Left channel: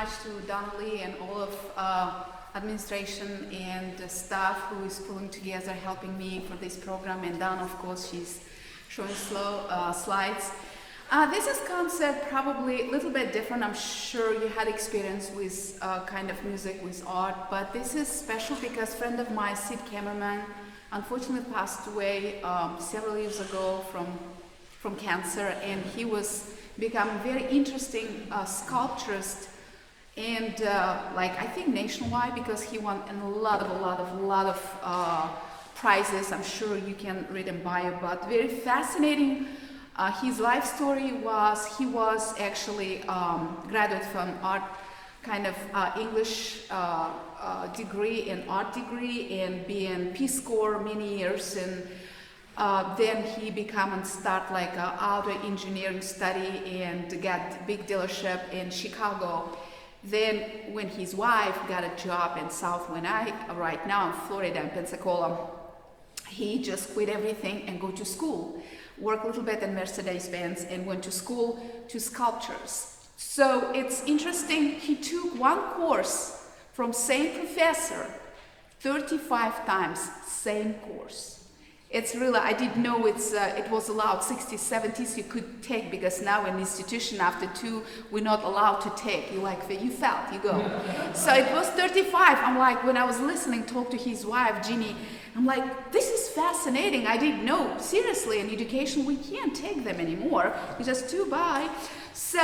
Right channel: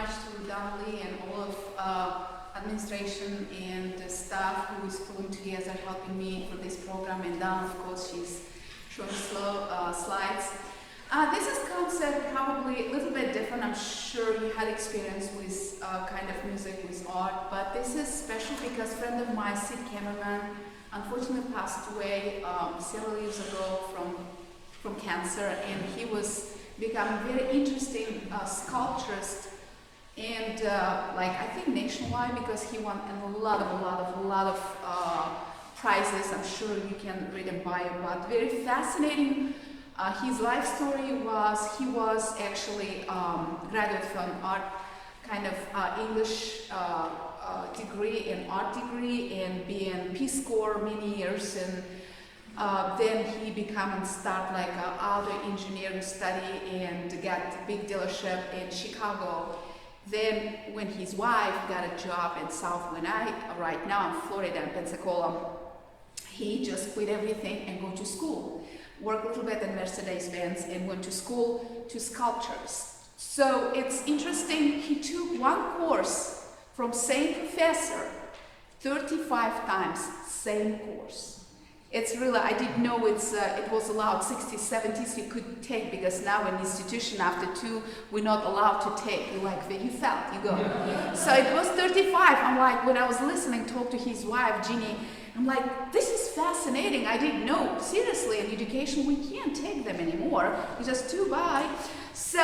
much to Don Lee and all of administration and the staff who is pulling together, helping me for this program. And Don, of course, she's showing slow slides. This is concept probably a little bit different. I'm sure you had experience with kind of music, with art, but this is special because a friend of mine, Sid Kamerman, unfortunately passed away several years ago from cancer, and he was become a very interesting sculpturist, and like I think nationwide, because he won a lot of prizes. I'm sure you can read and buy it, but very fascinating. His life story was he was actually graduate from art, kind of English degree and art degree, and being Peace Corps many years, and then he became and start like auto engineering study and got big dealership in Chicago. Then when his wife got a job in South Kentucky, right now in Florida and Pensacola, he just quit everything and go to school. Worked a little bit in Mercedes-Benz and went to school to sculptures. So it's interesting, he took one course from same professor 35 times, same course. It's really, I didn't know it was allowed 60s, 70s you could take, because now in institution after 2, we're not allowed to take. You like, you felt, you go. So it was 35. I'm like, when I was listening, talk to his wife, Jeannie, I'm like, this is fascinating. I didn't know, seriously, in education, we can't take them anymore. It's just too bad. So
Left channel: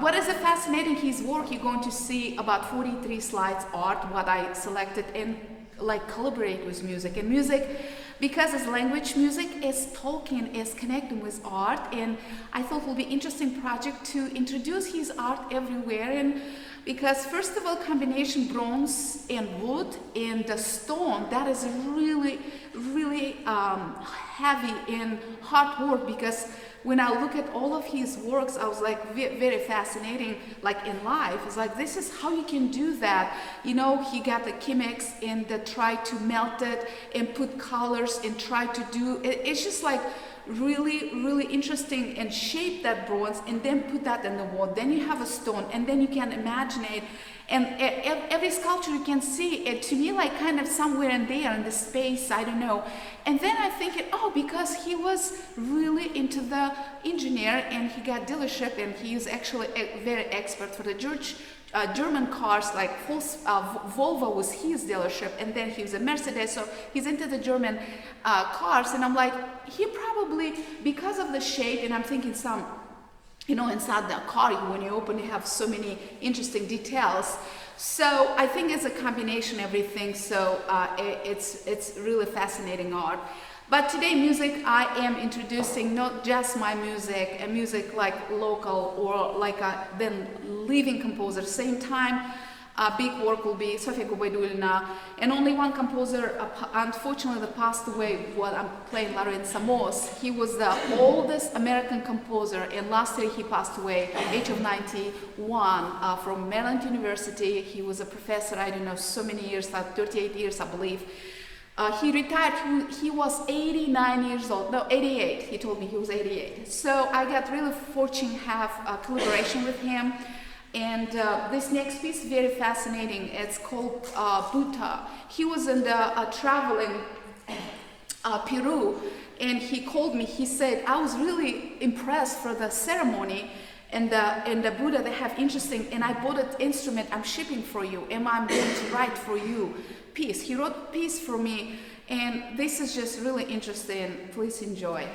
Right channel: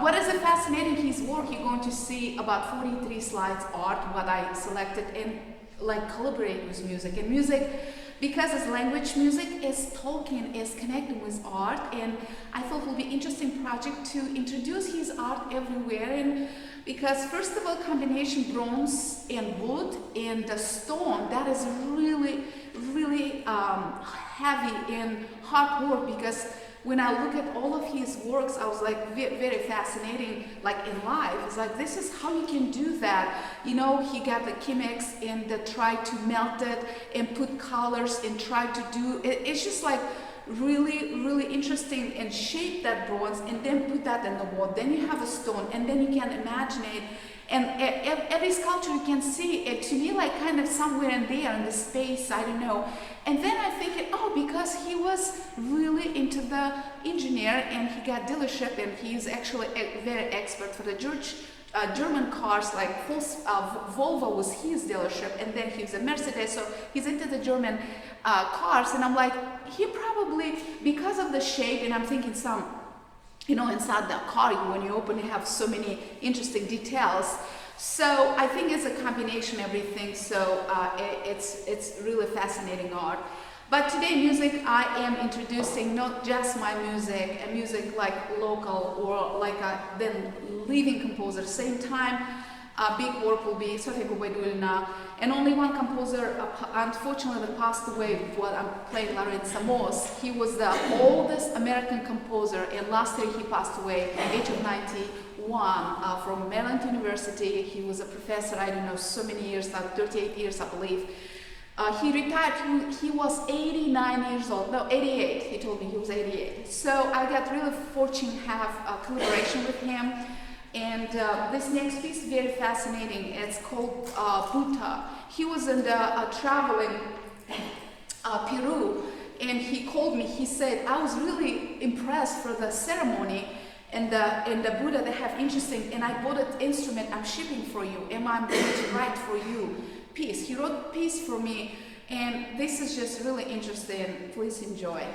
what is fascinating, his work, you're going to see about 43 slides art, what I selected, and like collaborate with music. And music, because it's language, music is talking, is connecting with art, and I thought it would be interesting project to introduce his art everywhere. And because first of all, combination bronze and wood and the stone, that is really heavy and hard work, because when I look at all of his works, I was like very fascinating, like in life. It's like, this is how you can do that. You know, he got the chemics and try to melt it and put colors and try to do it. It's just like really interesting, and shape that bronze and then put that in the wall. Then you have a stone, and then you can imagine it. And every sculpture you can see it, to me, like kind of somewhere in there in the space, I don't know. And then I think, because he was really into the engineer and he got dealership, and he is actually a very expert for the German cars, like Volvo was his dealership, and then he was a Mercedes, so he's into the German cars. And I'm like, he probably, because of the shape, and I'm thinking some, you know, inside the car, when you open, you have so many interesting details. So I think it's a combination of everything. So it's really fascinating art. But today, music, I am introducing not just my music, a music like local or like a then living composer. Same time, big work will be Sofia Gubaidulina, and only one composer unfortunately passed away while I'm playing Laurent Samos. He was the oldest American composer, and last year he passed away at the age of 91 from Maryland University. He was a professor, I don't know, so many years, 38 years I believe. He retired, he was 89 years old, no, 88, he told me he was 88. So I got really fortunate to have a collaboration with him. And this next piece is very fascinating. It's called Buta. He was in the traveling Peru, and he called me. He said, I was really impressed for the ceremony, and the Buddha, they have interesting, and I bought an instrument, I'm shipping for you, and I'm going to write for you piece. He wrote a piece for me, and this is just really interesting. Please enjoy.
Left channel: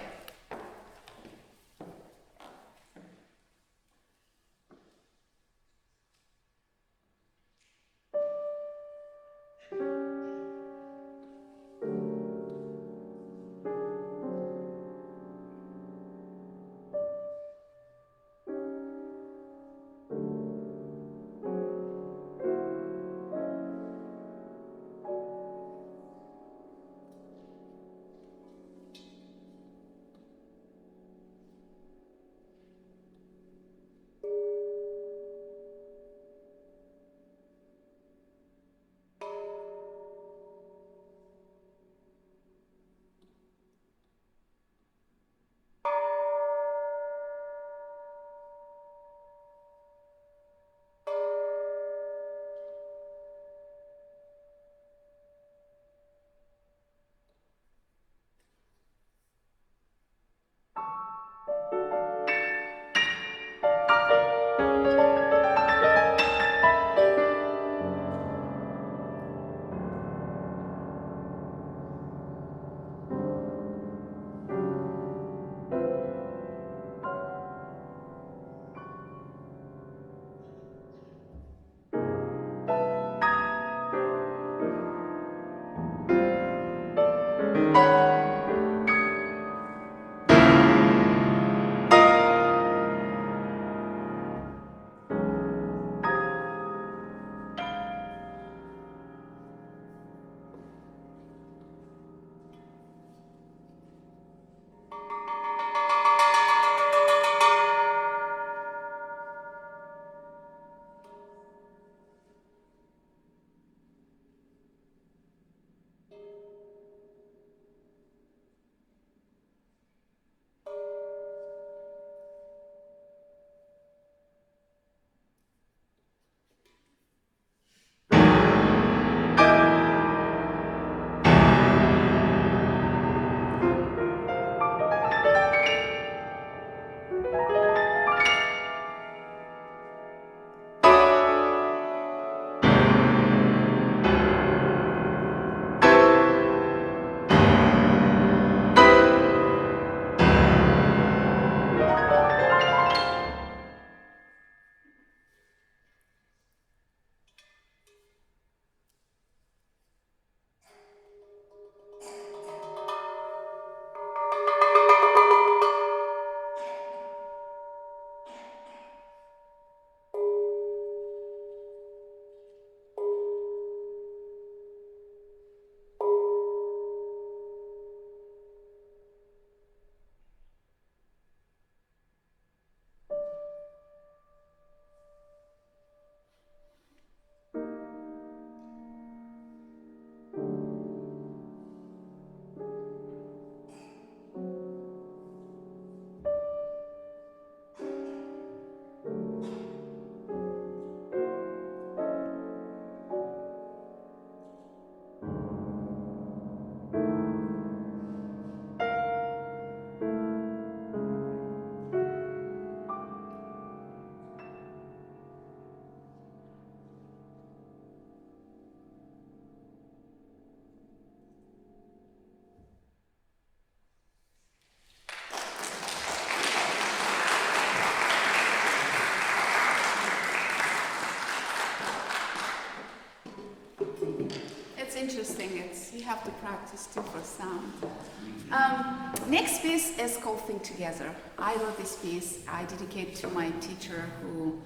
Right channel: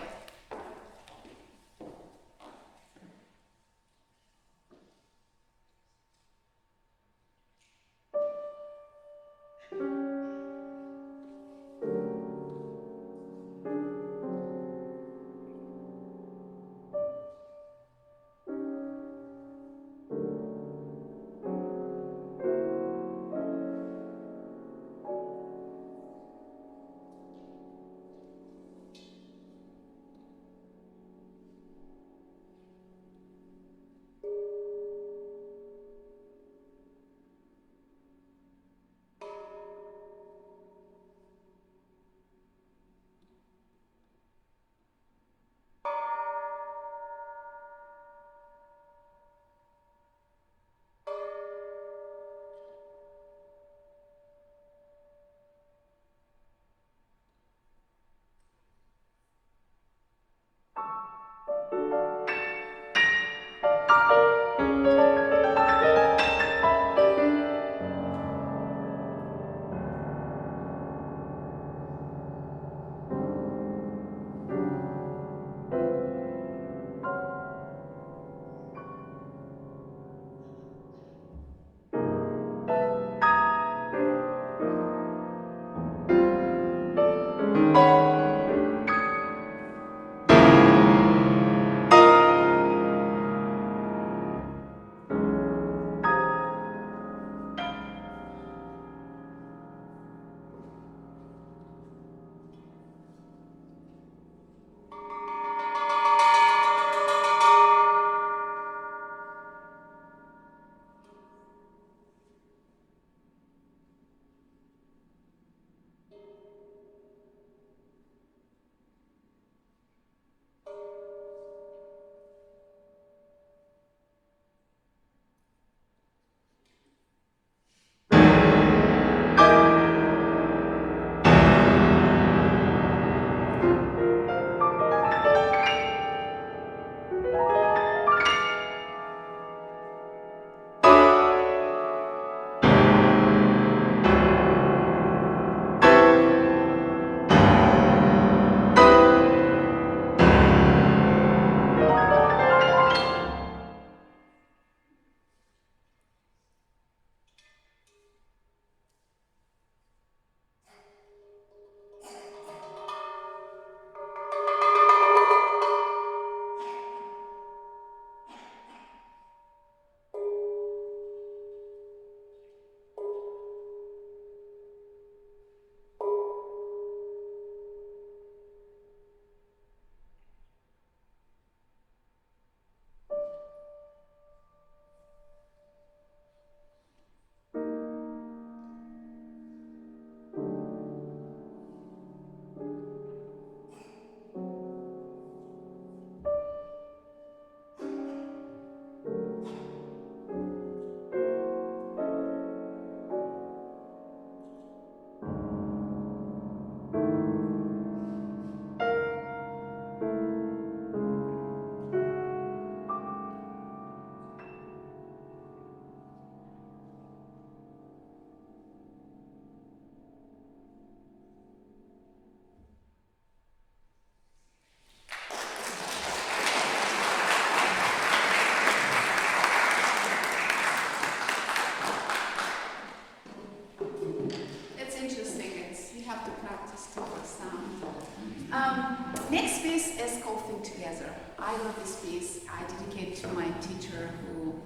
Next piece is called Think Together. I wrote this piece. I dedicate to my teacher who,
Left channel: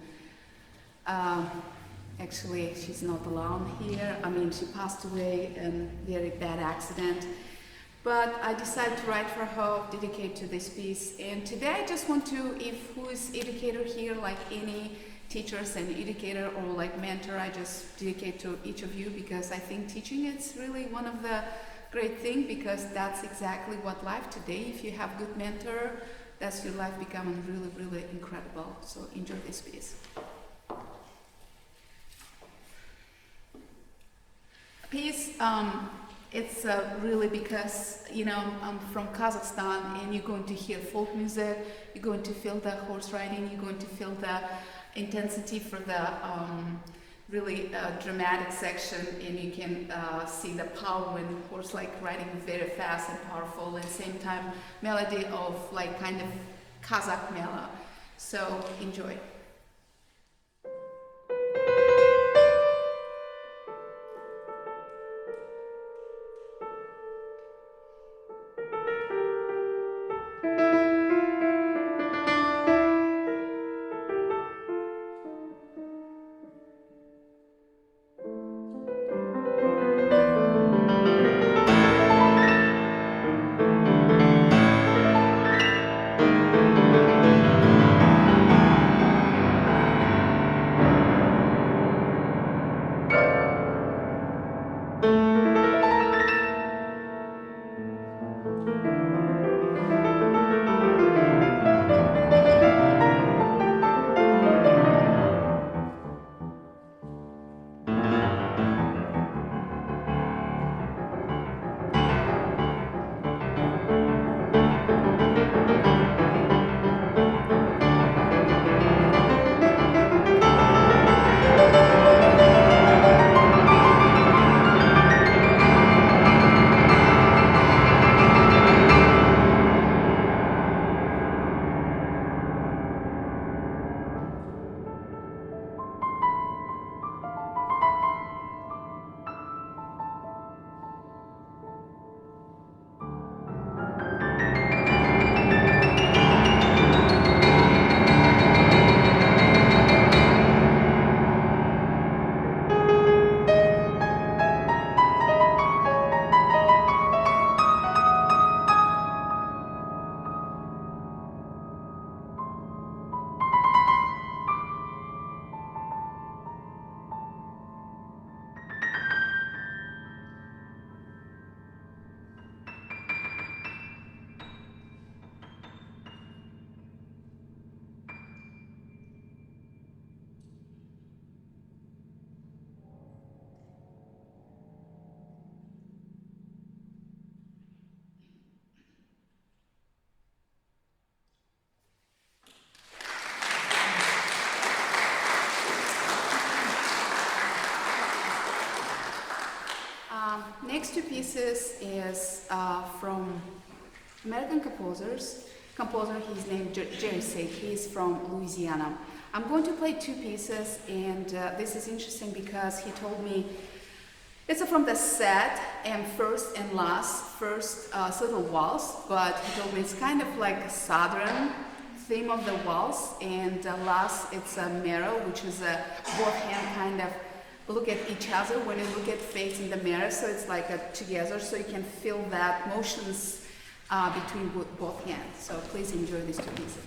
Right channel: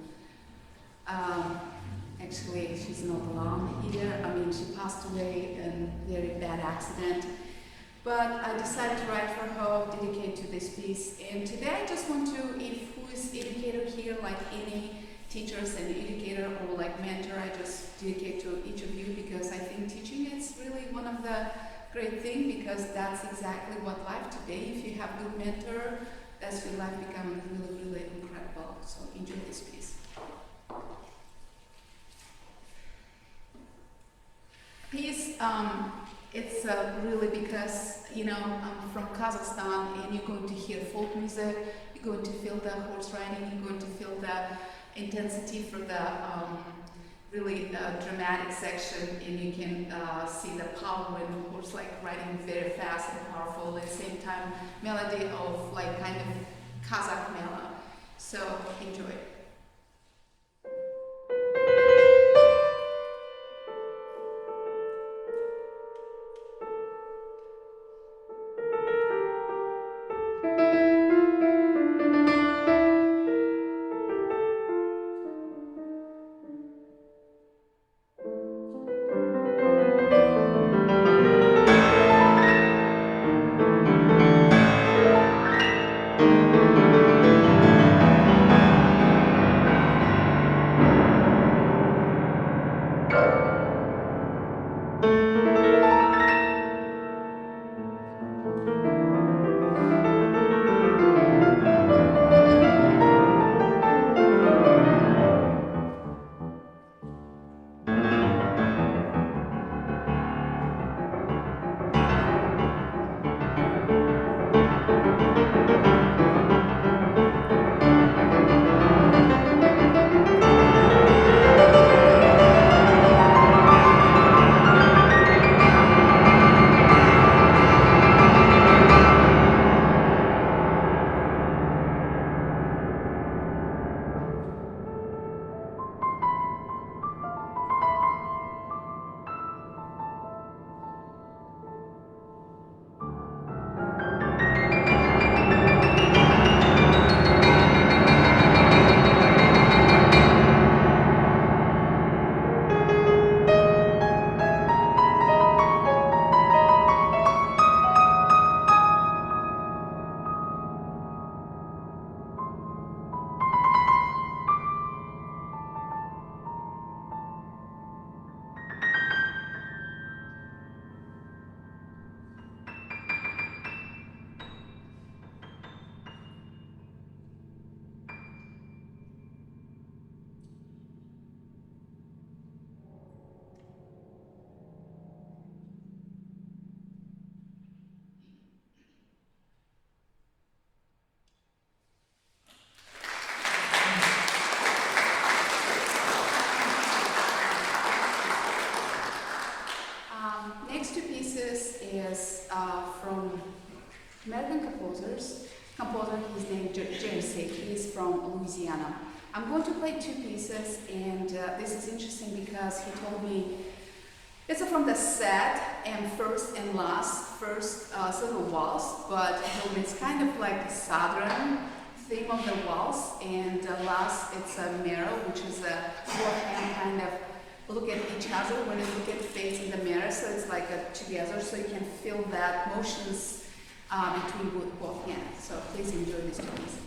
actually, she's not alone here. I mean, she passed away in a very bad accident. But I decided to write for her, dedicate to this piece. And today I just want to, if who is educator here, like any teachers and educator or like mentor, I just dedicate to each of you because I think teaching is really one of the great thing because that's exactly what life today. If you have good mentor, that's your life becoming really, really incredible. So enjoy this piece. Piece, it's really because, you know, I'm from Kazakhstan and you're going to hear folk music, you're going to feel the horse riding, you're going to feel the intensity for the really dramatic section, and you can see the power when horse like riding very fast and powerful, at the same time melody of like kind of Kazakh melody. So enjoy. Next two pieces is from American composer, he's named Jerry Sid. He's from Louisiana. I'm going to play two pieces, and this is interesting because he told me it's from the set and first and last, first silver waltz, but he told me it's kind of like a southern theme of the waltz, and last it's a mirror, which is a both hand kind of look at each other when you look at face in the mirror, so it's like a together, so you can feel that motions between both hands. So please enjoy these two pieces.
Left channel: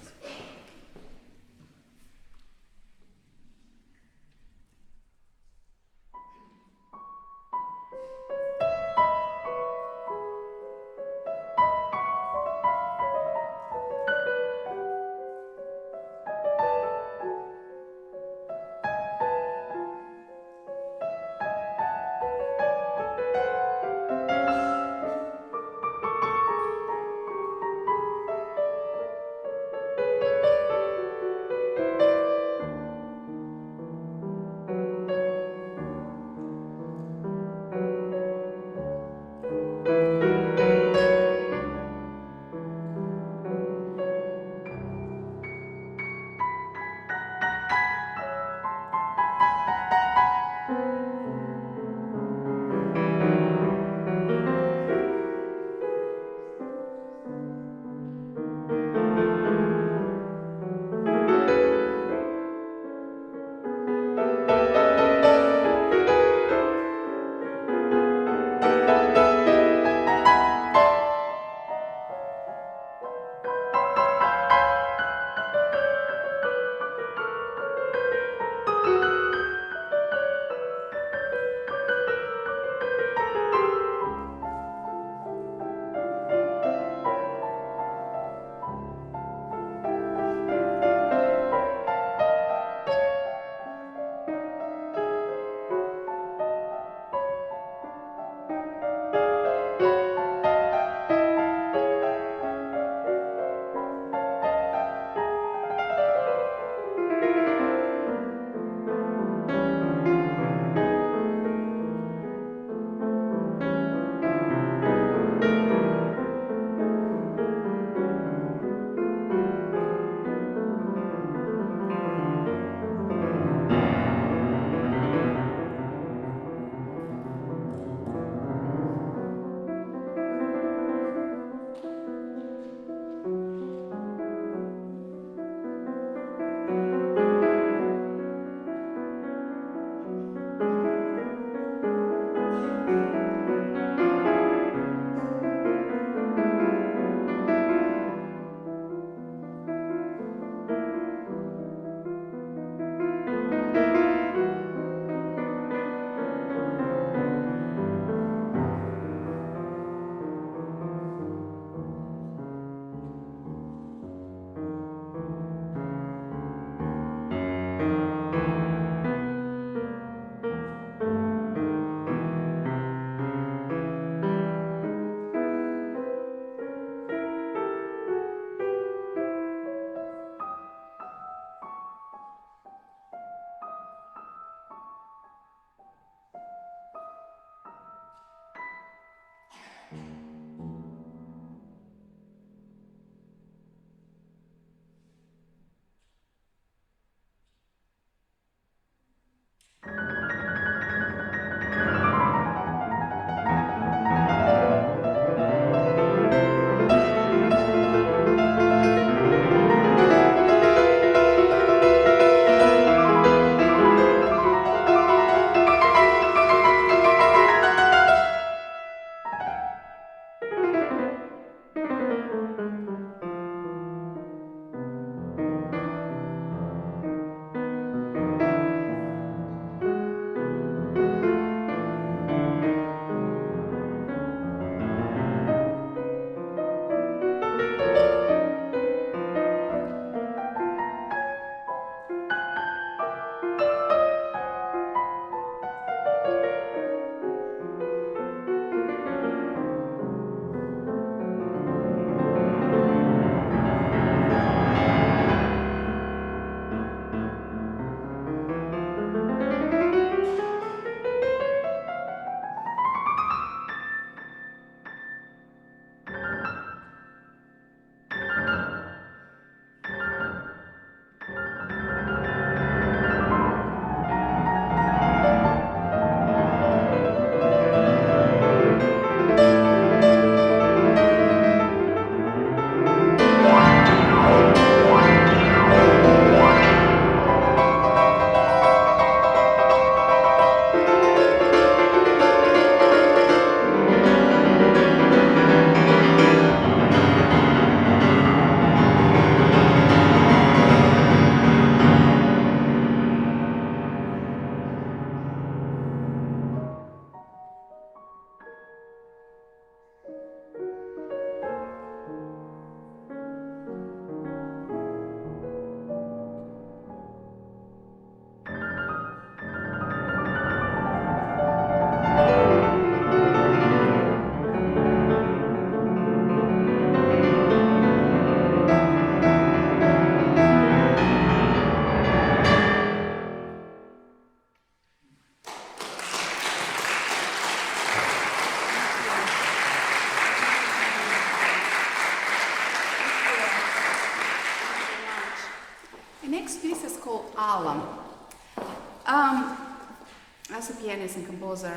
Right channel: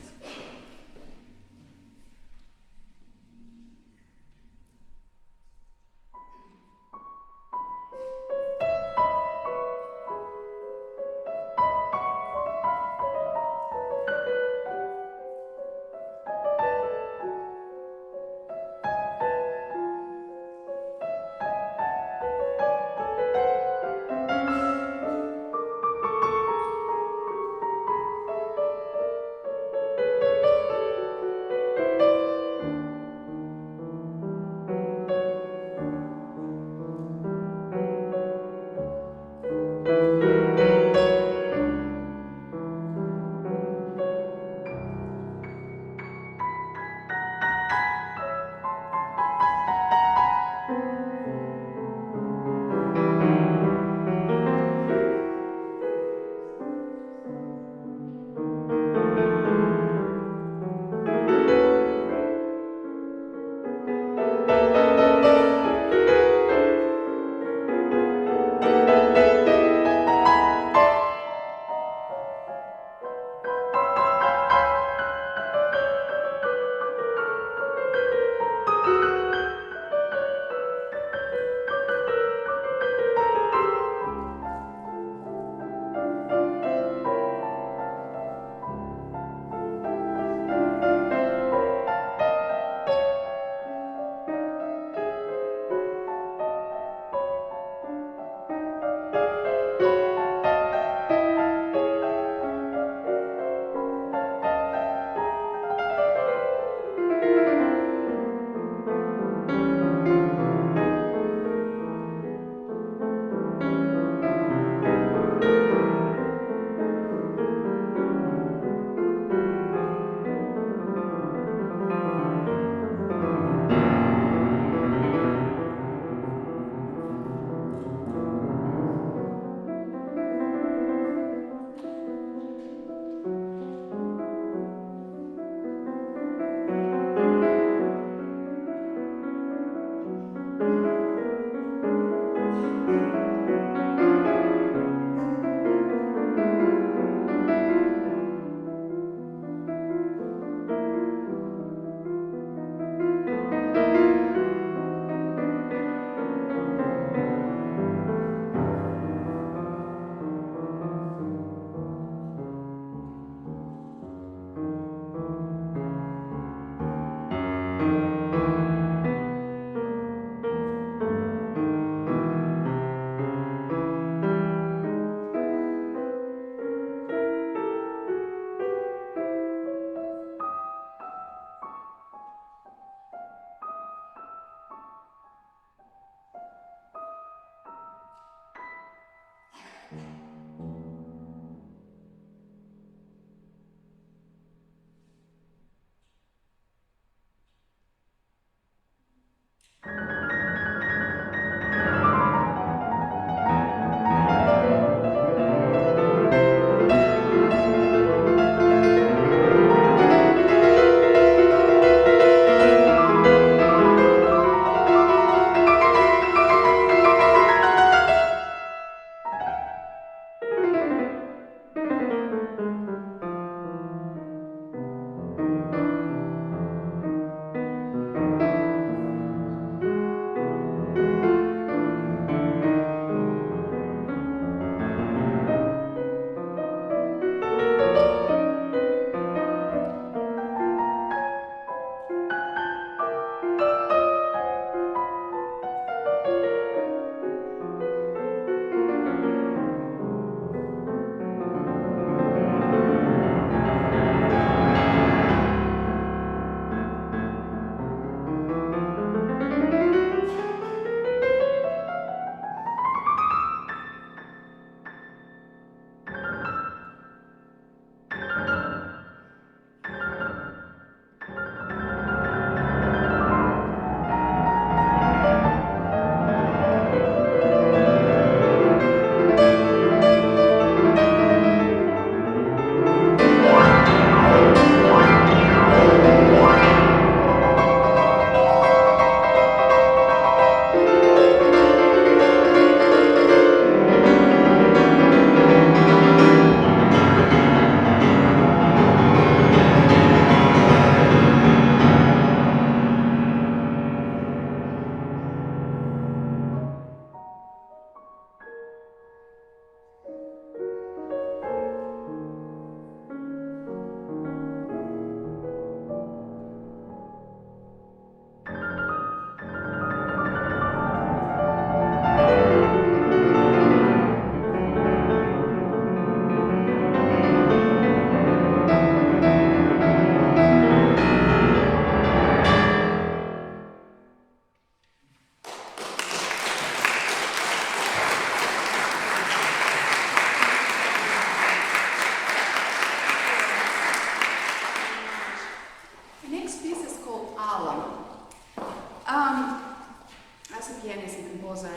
As a pianist and composer,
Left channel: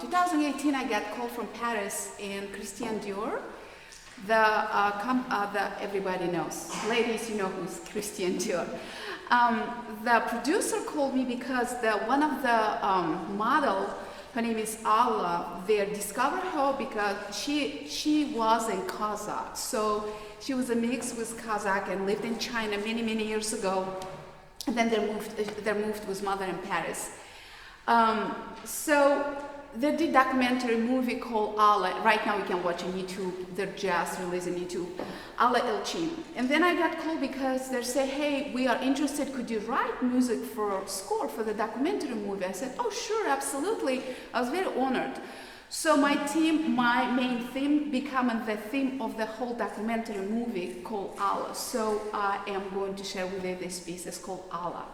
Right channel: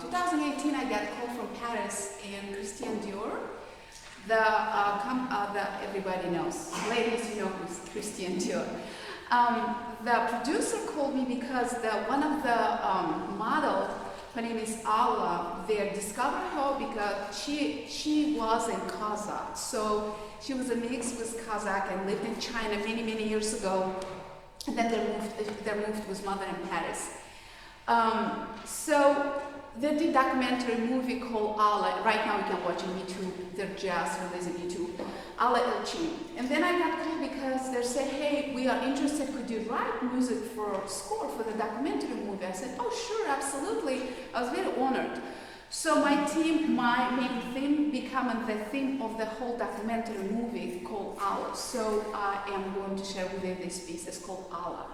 2018 I got called from Paris and Christian Dior. Everybody knows, ladies, you know who's Christian Dior. The producer called me because one of the model, her name is Alla. They discovered her because she was in Kazakh. So she was a mix with Kazakh and lived in China many years ago. And then they moved with mother in Paris. So they did documentary movie called Alla. Right now you can watch on YouTube. They're just releasing YouTube. Alla Elchin. And then I got called because they said, hey, we are interested. Could you write music for a score for the documentary movie? I said, oh, sure, absolutely. I was very honored. So my main theme becoming the theme of the whole documentary movie called Alla. So I am going to share with you this piece. It's called Alla.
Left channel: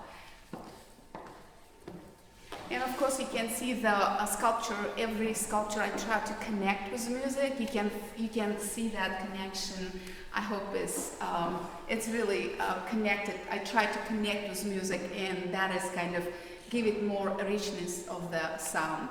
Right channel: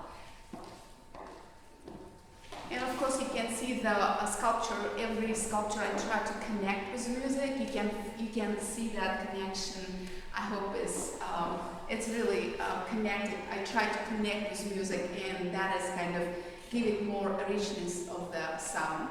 And of course you can see the sculpture. Every sculpture I try to connect with music. You can see that connection. I hope it's really connected. I try to connect with music, and that is kind of give it more richness of the sound.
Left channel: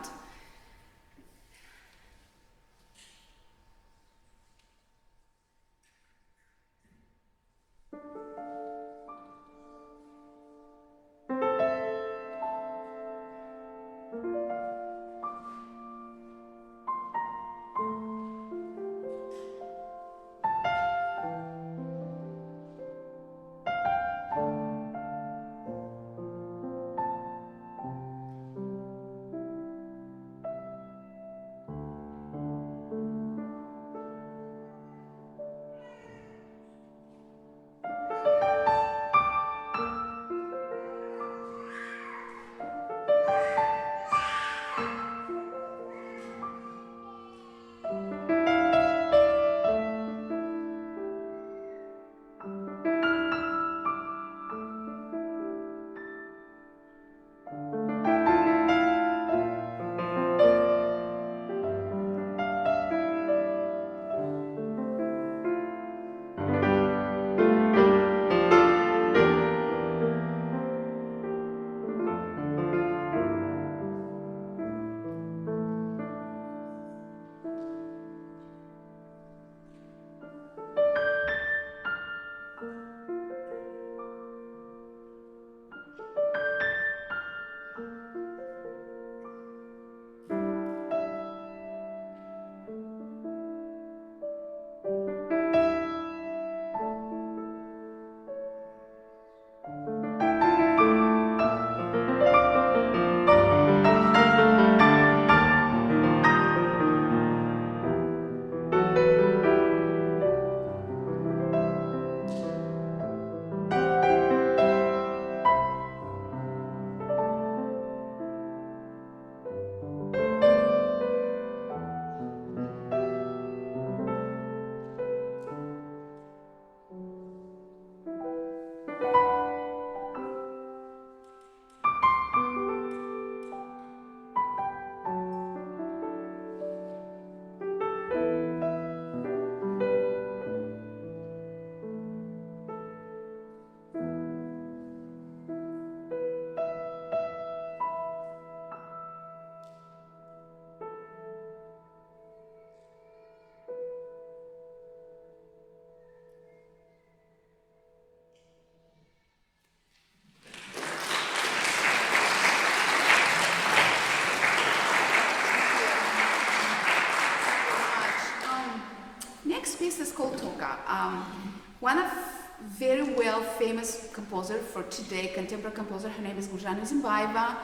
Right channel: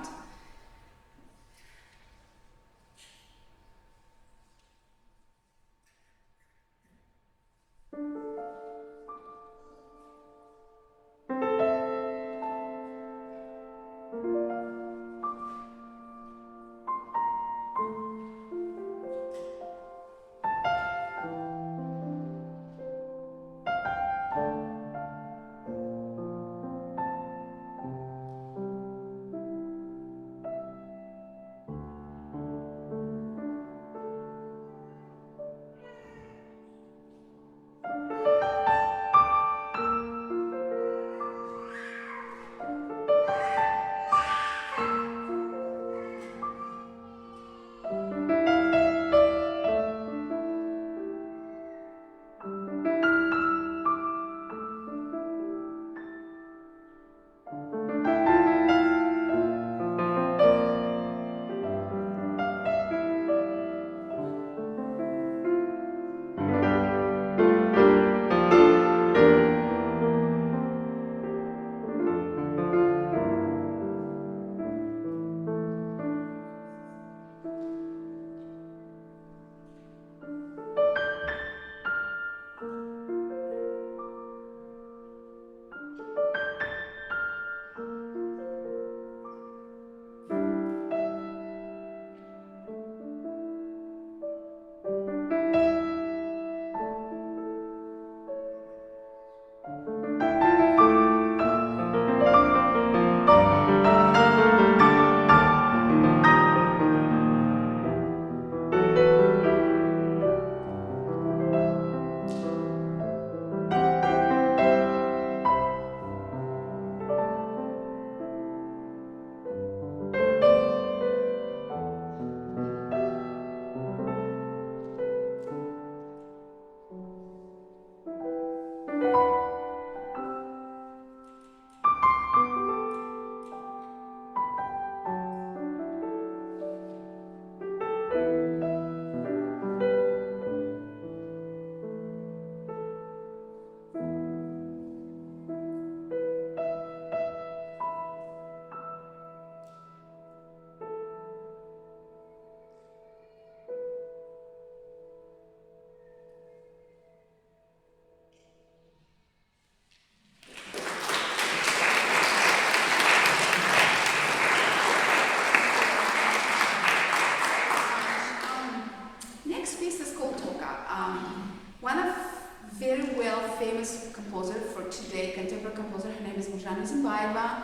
very well famous composer for today, contemporary composer. Her name is Kadisha Onalbayeva.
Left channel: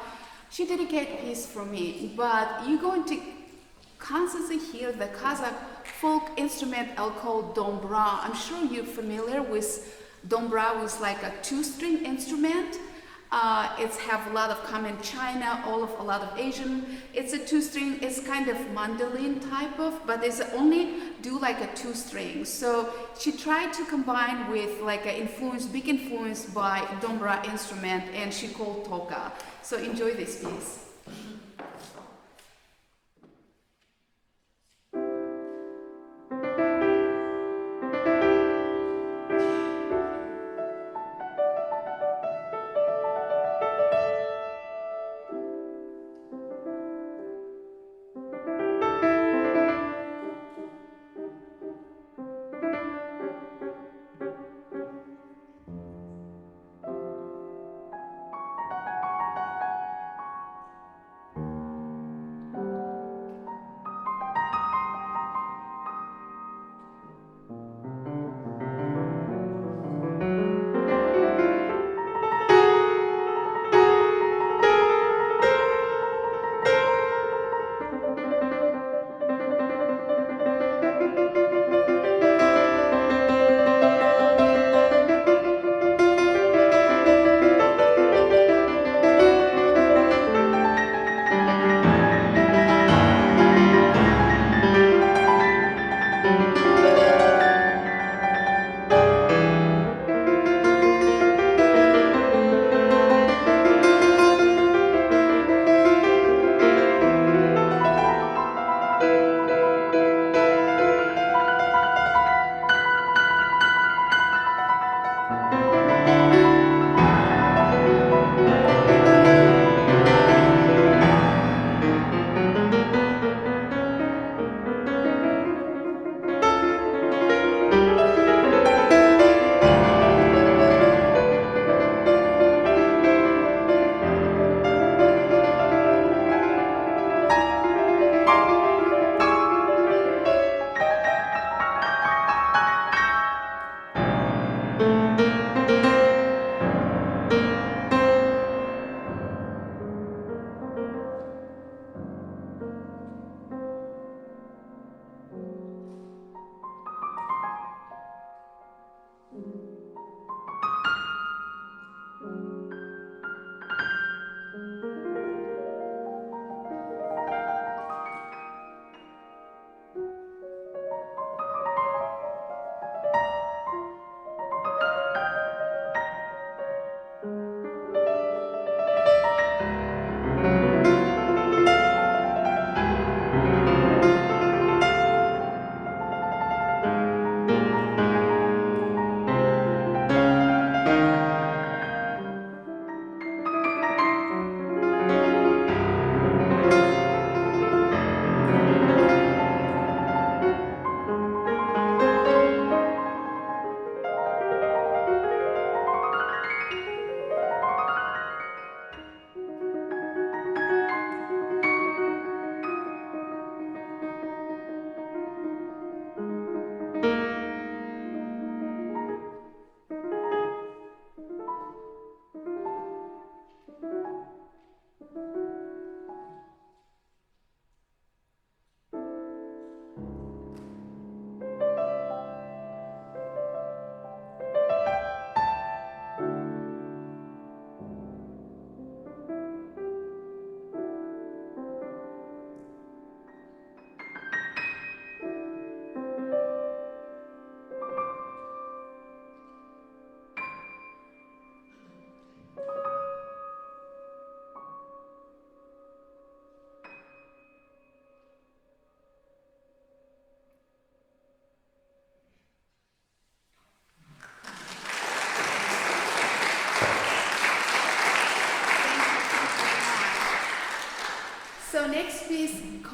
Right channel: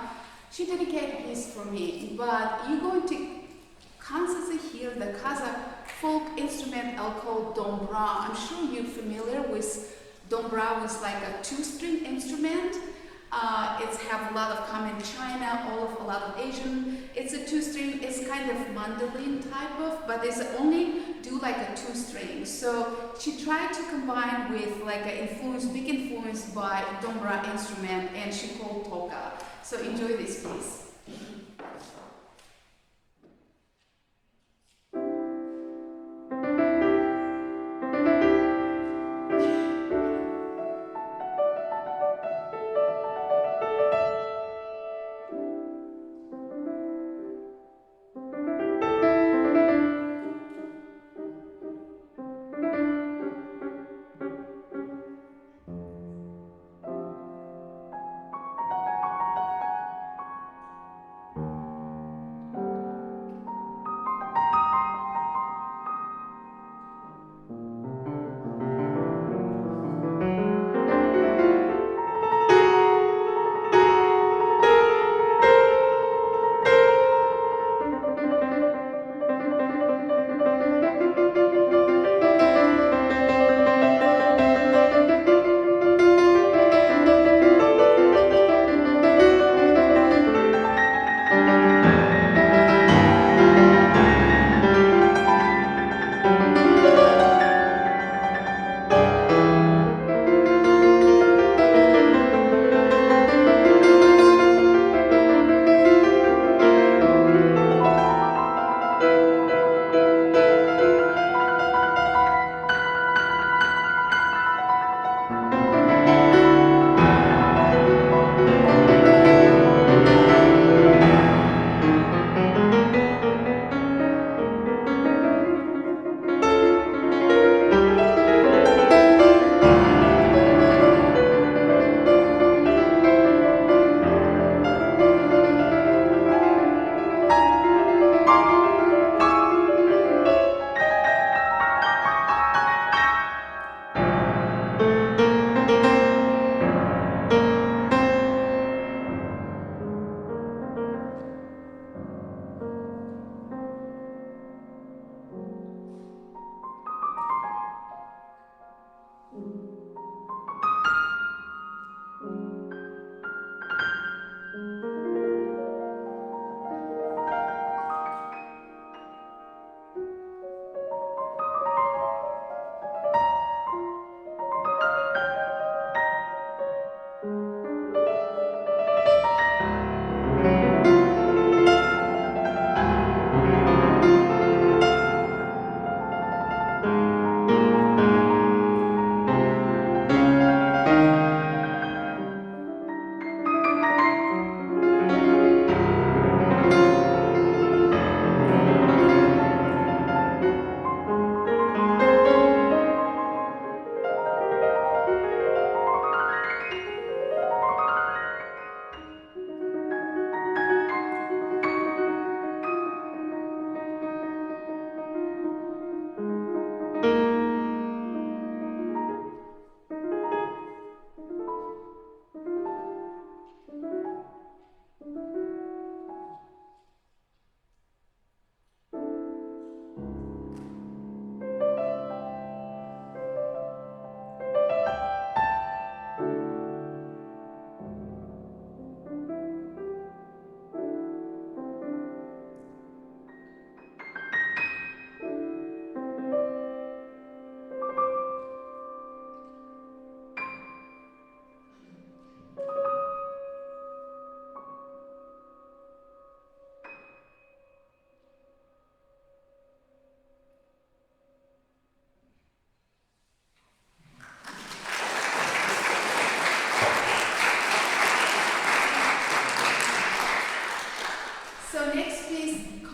She dedicated a piece for me, but you're going to constantly hear the Kazakh folk instrument called dombra. I'm sure you're familiar with dombra, with like a two-string instrument. It's have a lot of common in China, a lot of Asian. It's a two-string, it's kind of mandolin type of, but it's only do like a two-string. So she tried to combine with like an influence, big influence by dombra instrument, and she called toga. So enjoy this piece.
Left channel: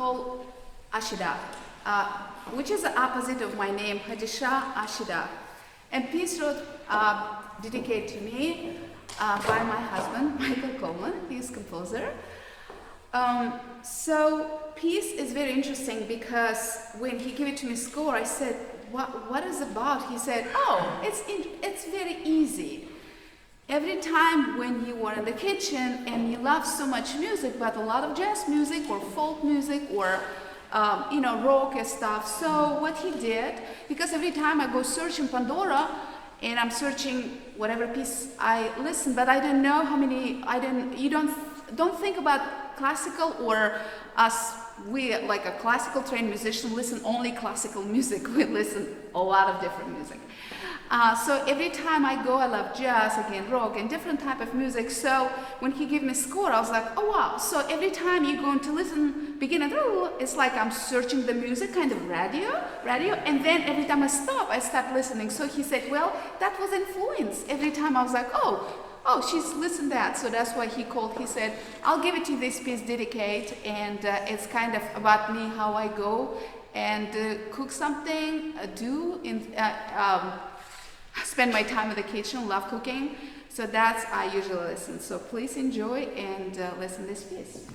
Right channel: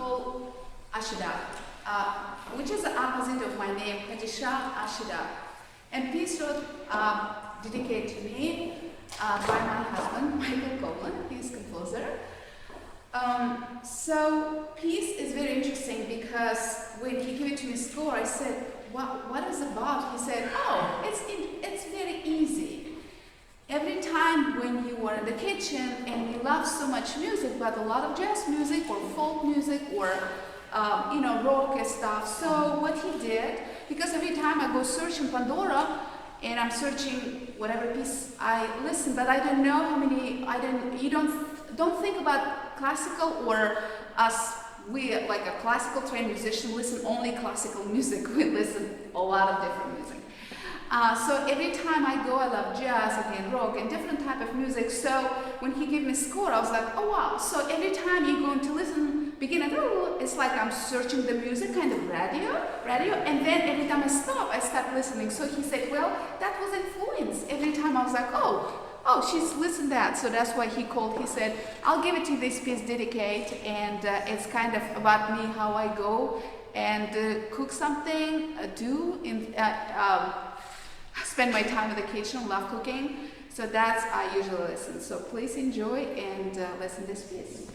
called Ashida, which is the opposite of my name, Kadisha Ashida. And piece wrote dedicated to me by my husband, Michael Coleman. He's composer. So piece is very interesting because when he gave it to me score, I said, what is it about? He said, oh, it's very easy. Every time when you are in the kitchen and you love so much music, but a lot of jazz music or folk music or rock and stuff. So what he did, because every time I go search in Pandora and I'm searching whatever piece I listen, but I don't know how many. You don't think about classical or us. We, like a classical trained musician, listen only classical music. We listen a lot of different music. So every time I go, I love jazz, again, rock, and different type of music. So when he gave me score, I was like, oh wow. So every time you're going to listen, begin at, it's like I'm searching the music, kind of radio, and then every time I start listening. So he said, well, that was influence. Every time I was like, oh, she's listened that. So that's why he called. He said, I'll give it to this piece, dedicate, and it's kind of about me, how I go and cook something, spend my time in the kitchen, love cooking. So that's I usually listen. So please enjoy and listen this piece.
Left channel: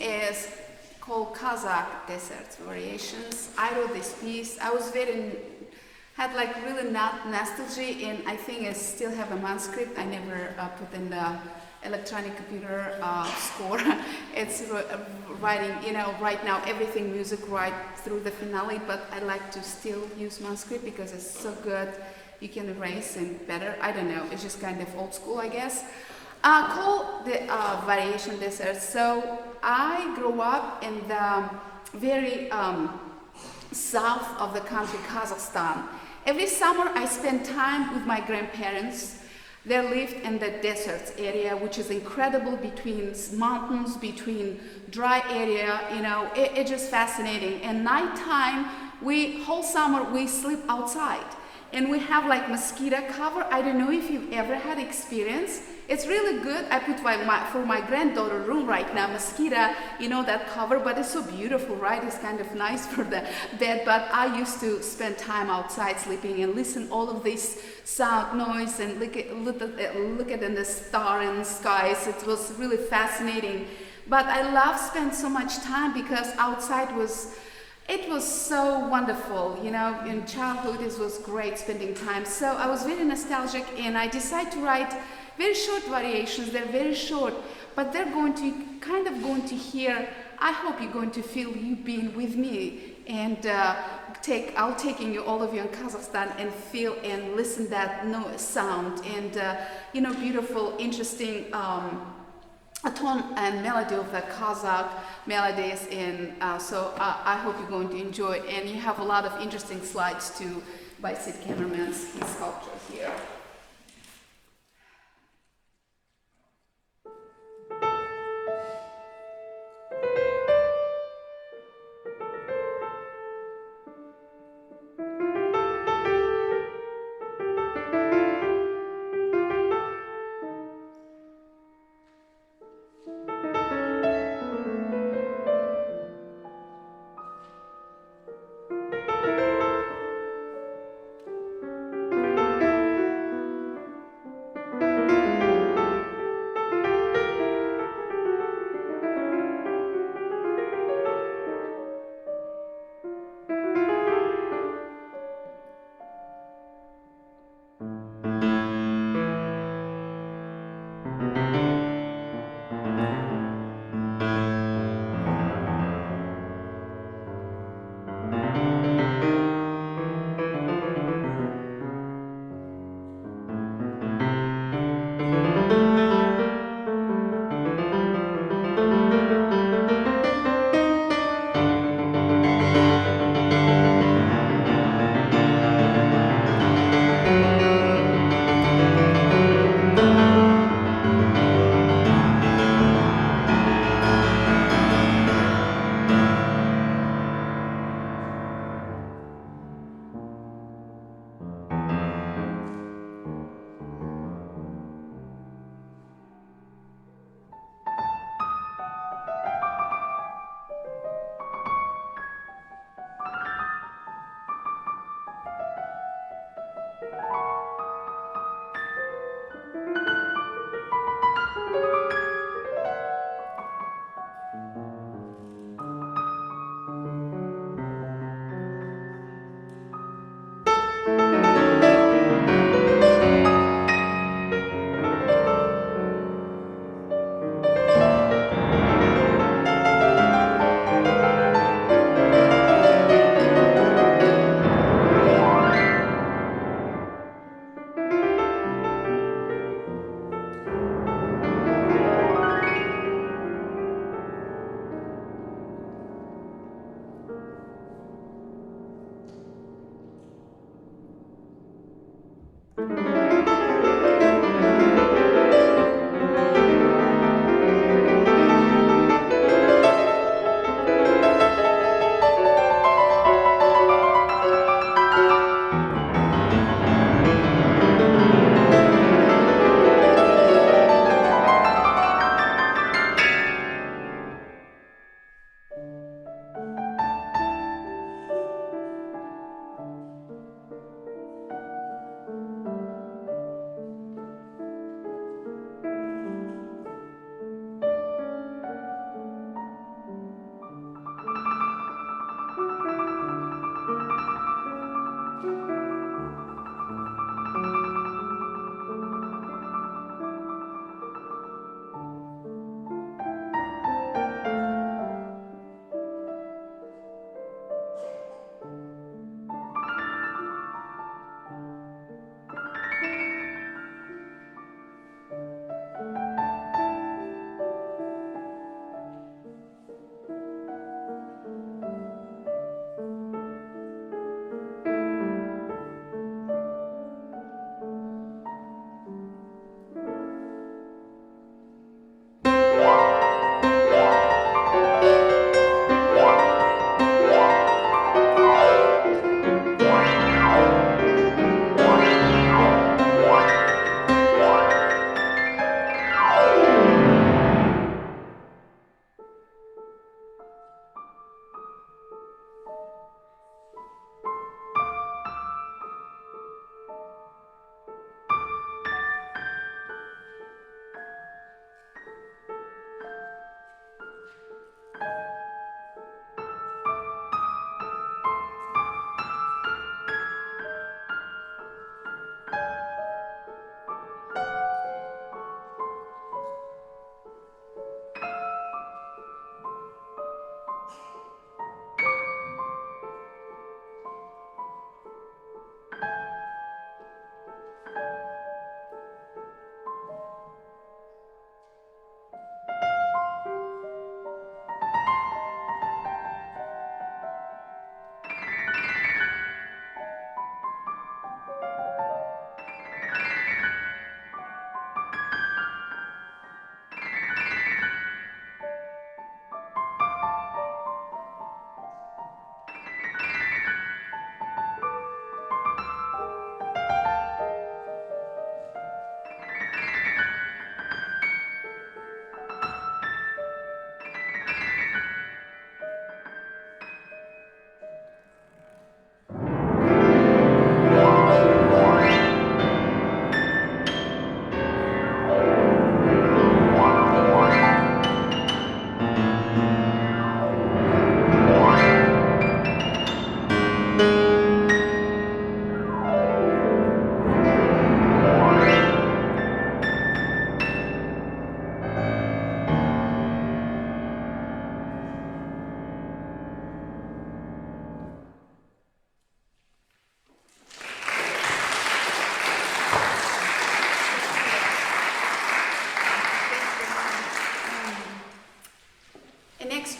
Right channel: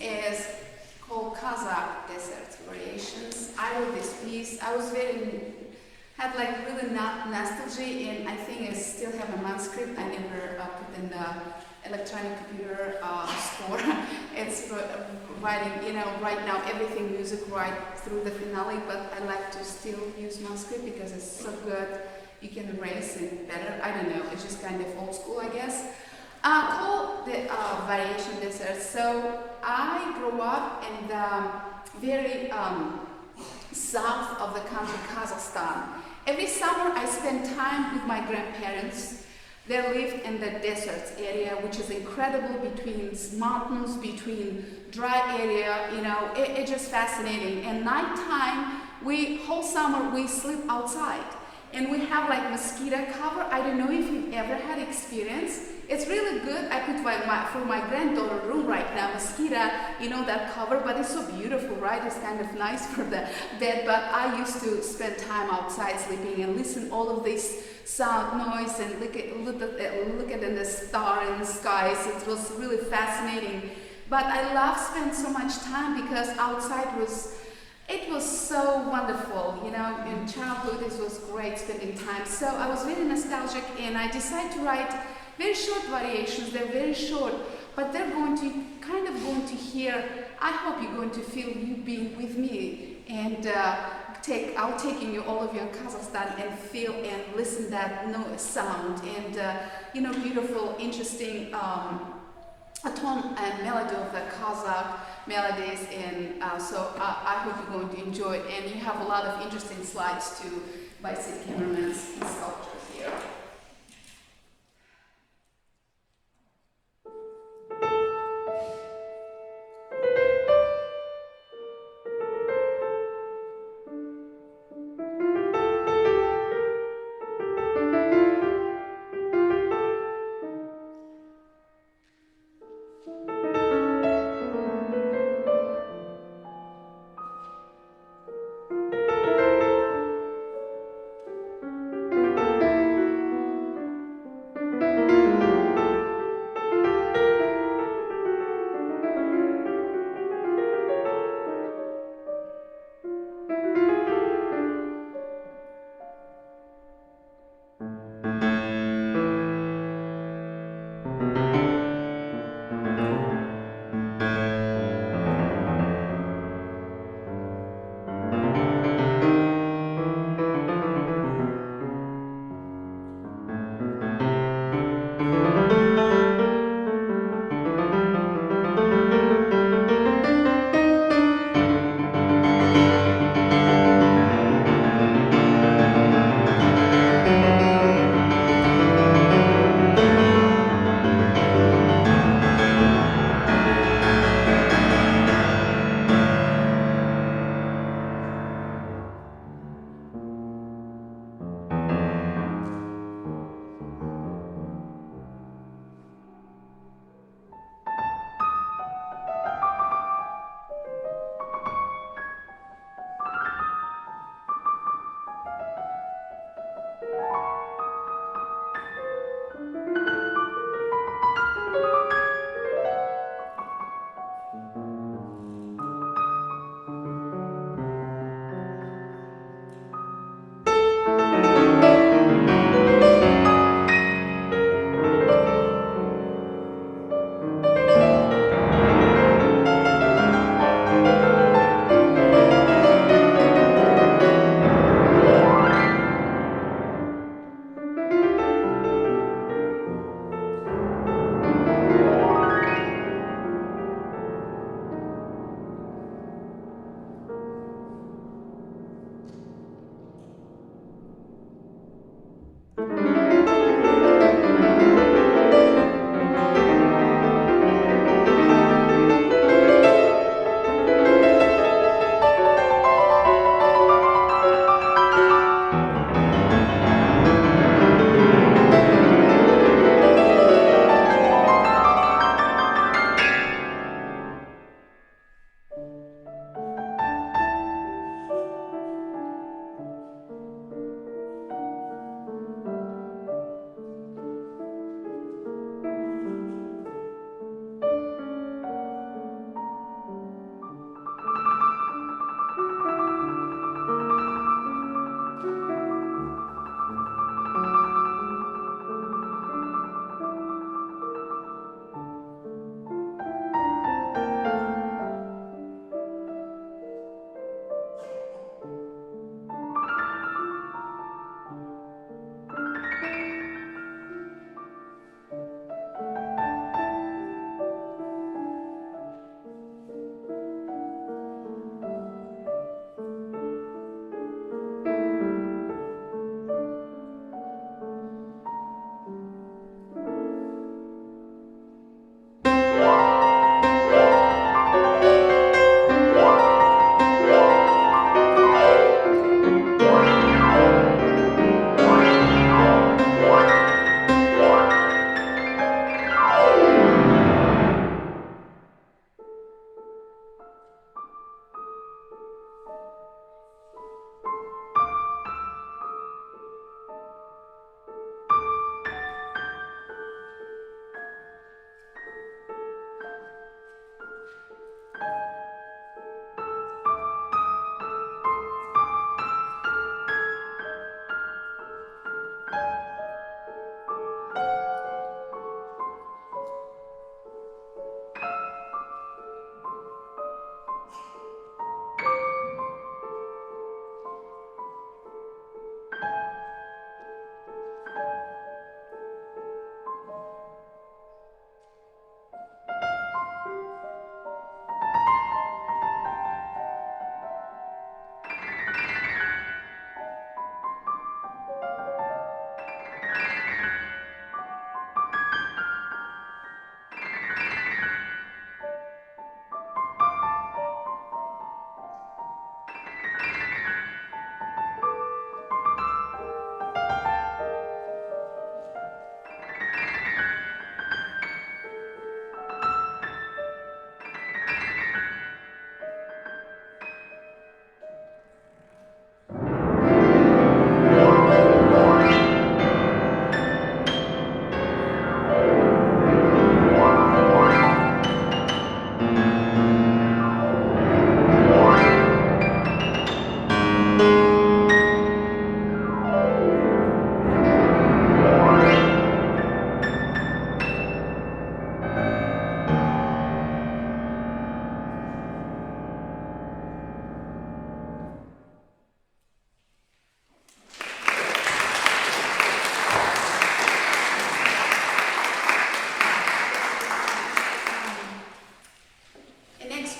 is called Kazakh Desert Variations. I wrote this piece. I was had like really nostalgia, and I think I still have a manuscript. I never put in the electronic computer score. It's writing, right now everything music right through the finale, but I like to still use manuscript because it's so good. You can erase it better. I don't know. It's just kind of old school, I guess. Called the Variation Desert. So I grew up in the very south of the country, Kazakhstan. Every summer I spent time with my grandparents. They lived in the desert area, which is incredible, between mountains, between dry area, it's just fascinating. And nighttime, whole summer we sleep outside. And we have like mosquito cover. I don't know if you've ever had experience. It's really good. I put for my granddaughter room right now, mosquito, that cover, but it's so beautiful, right? It's kind of nice for the bed, but I used to spend time outside sleeping and listen all of this sound, noise, and look at the star and skies. It was really fascinating. But I love spend so much time because outside was so wonderful, in childhood it was great spending time. So I was very nostalgic, and I decided to write very short variations. They're very short, but they're going to hear, I hope you're going to feel you being with me, and I'll taking all of you in Kazakhstan and feel and listen that sound and beautiful, interesting a tone and melody of the Kazakh melodies, and so I hope you're going to enjoy. And you have a lot of interesting slides too by Sid Kamerman's sculpture here.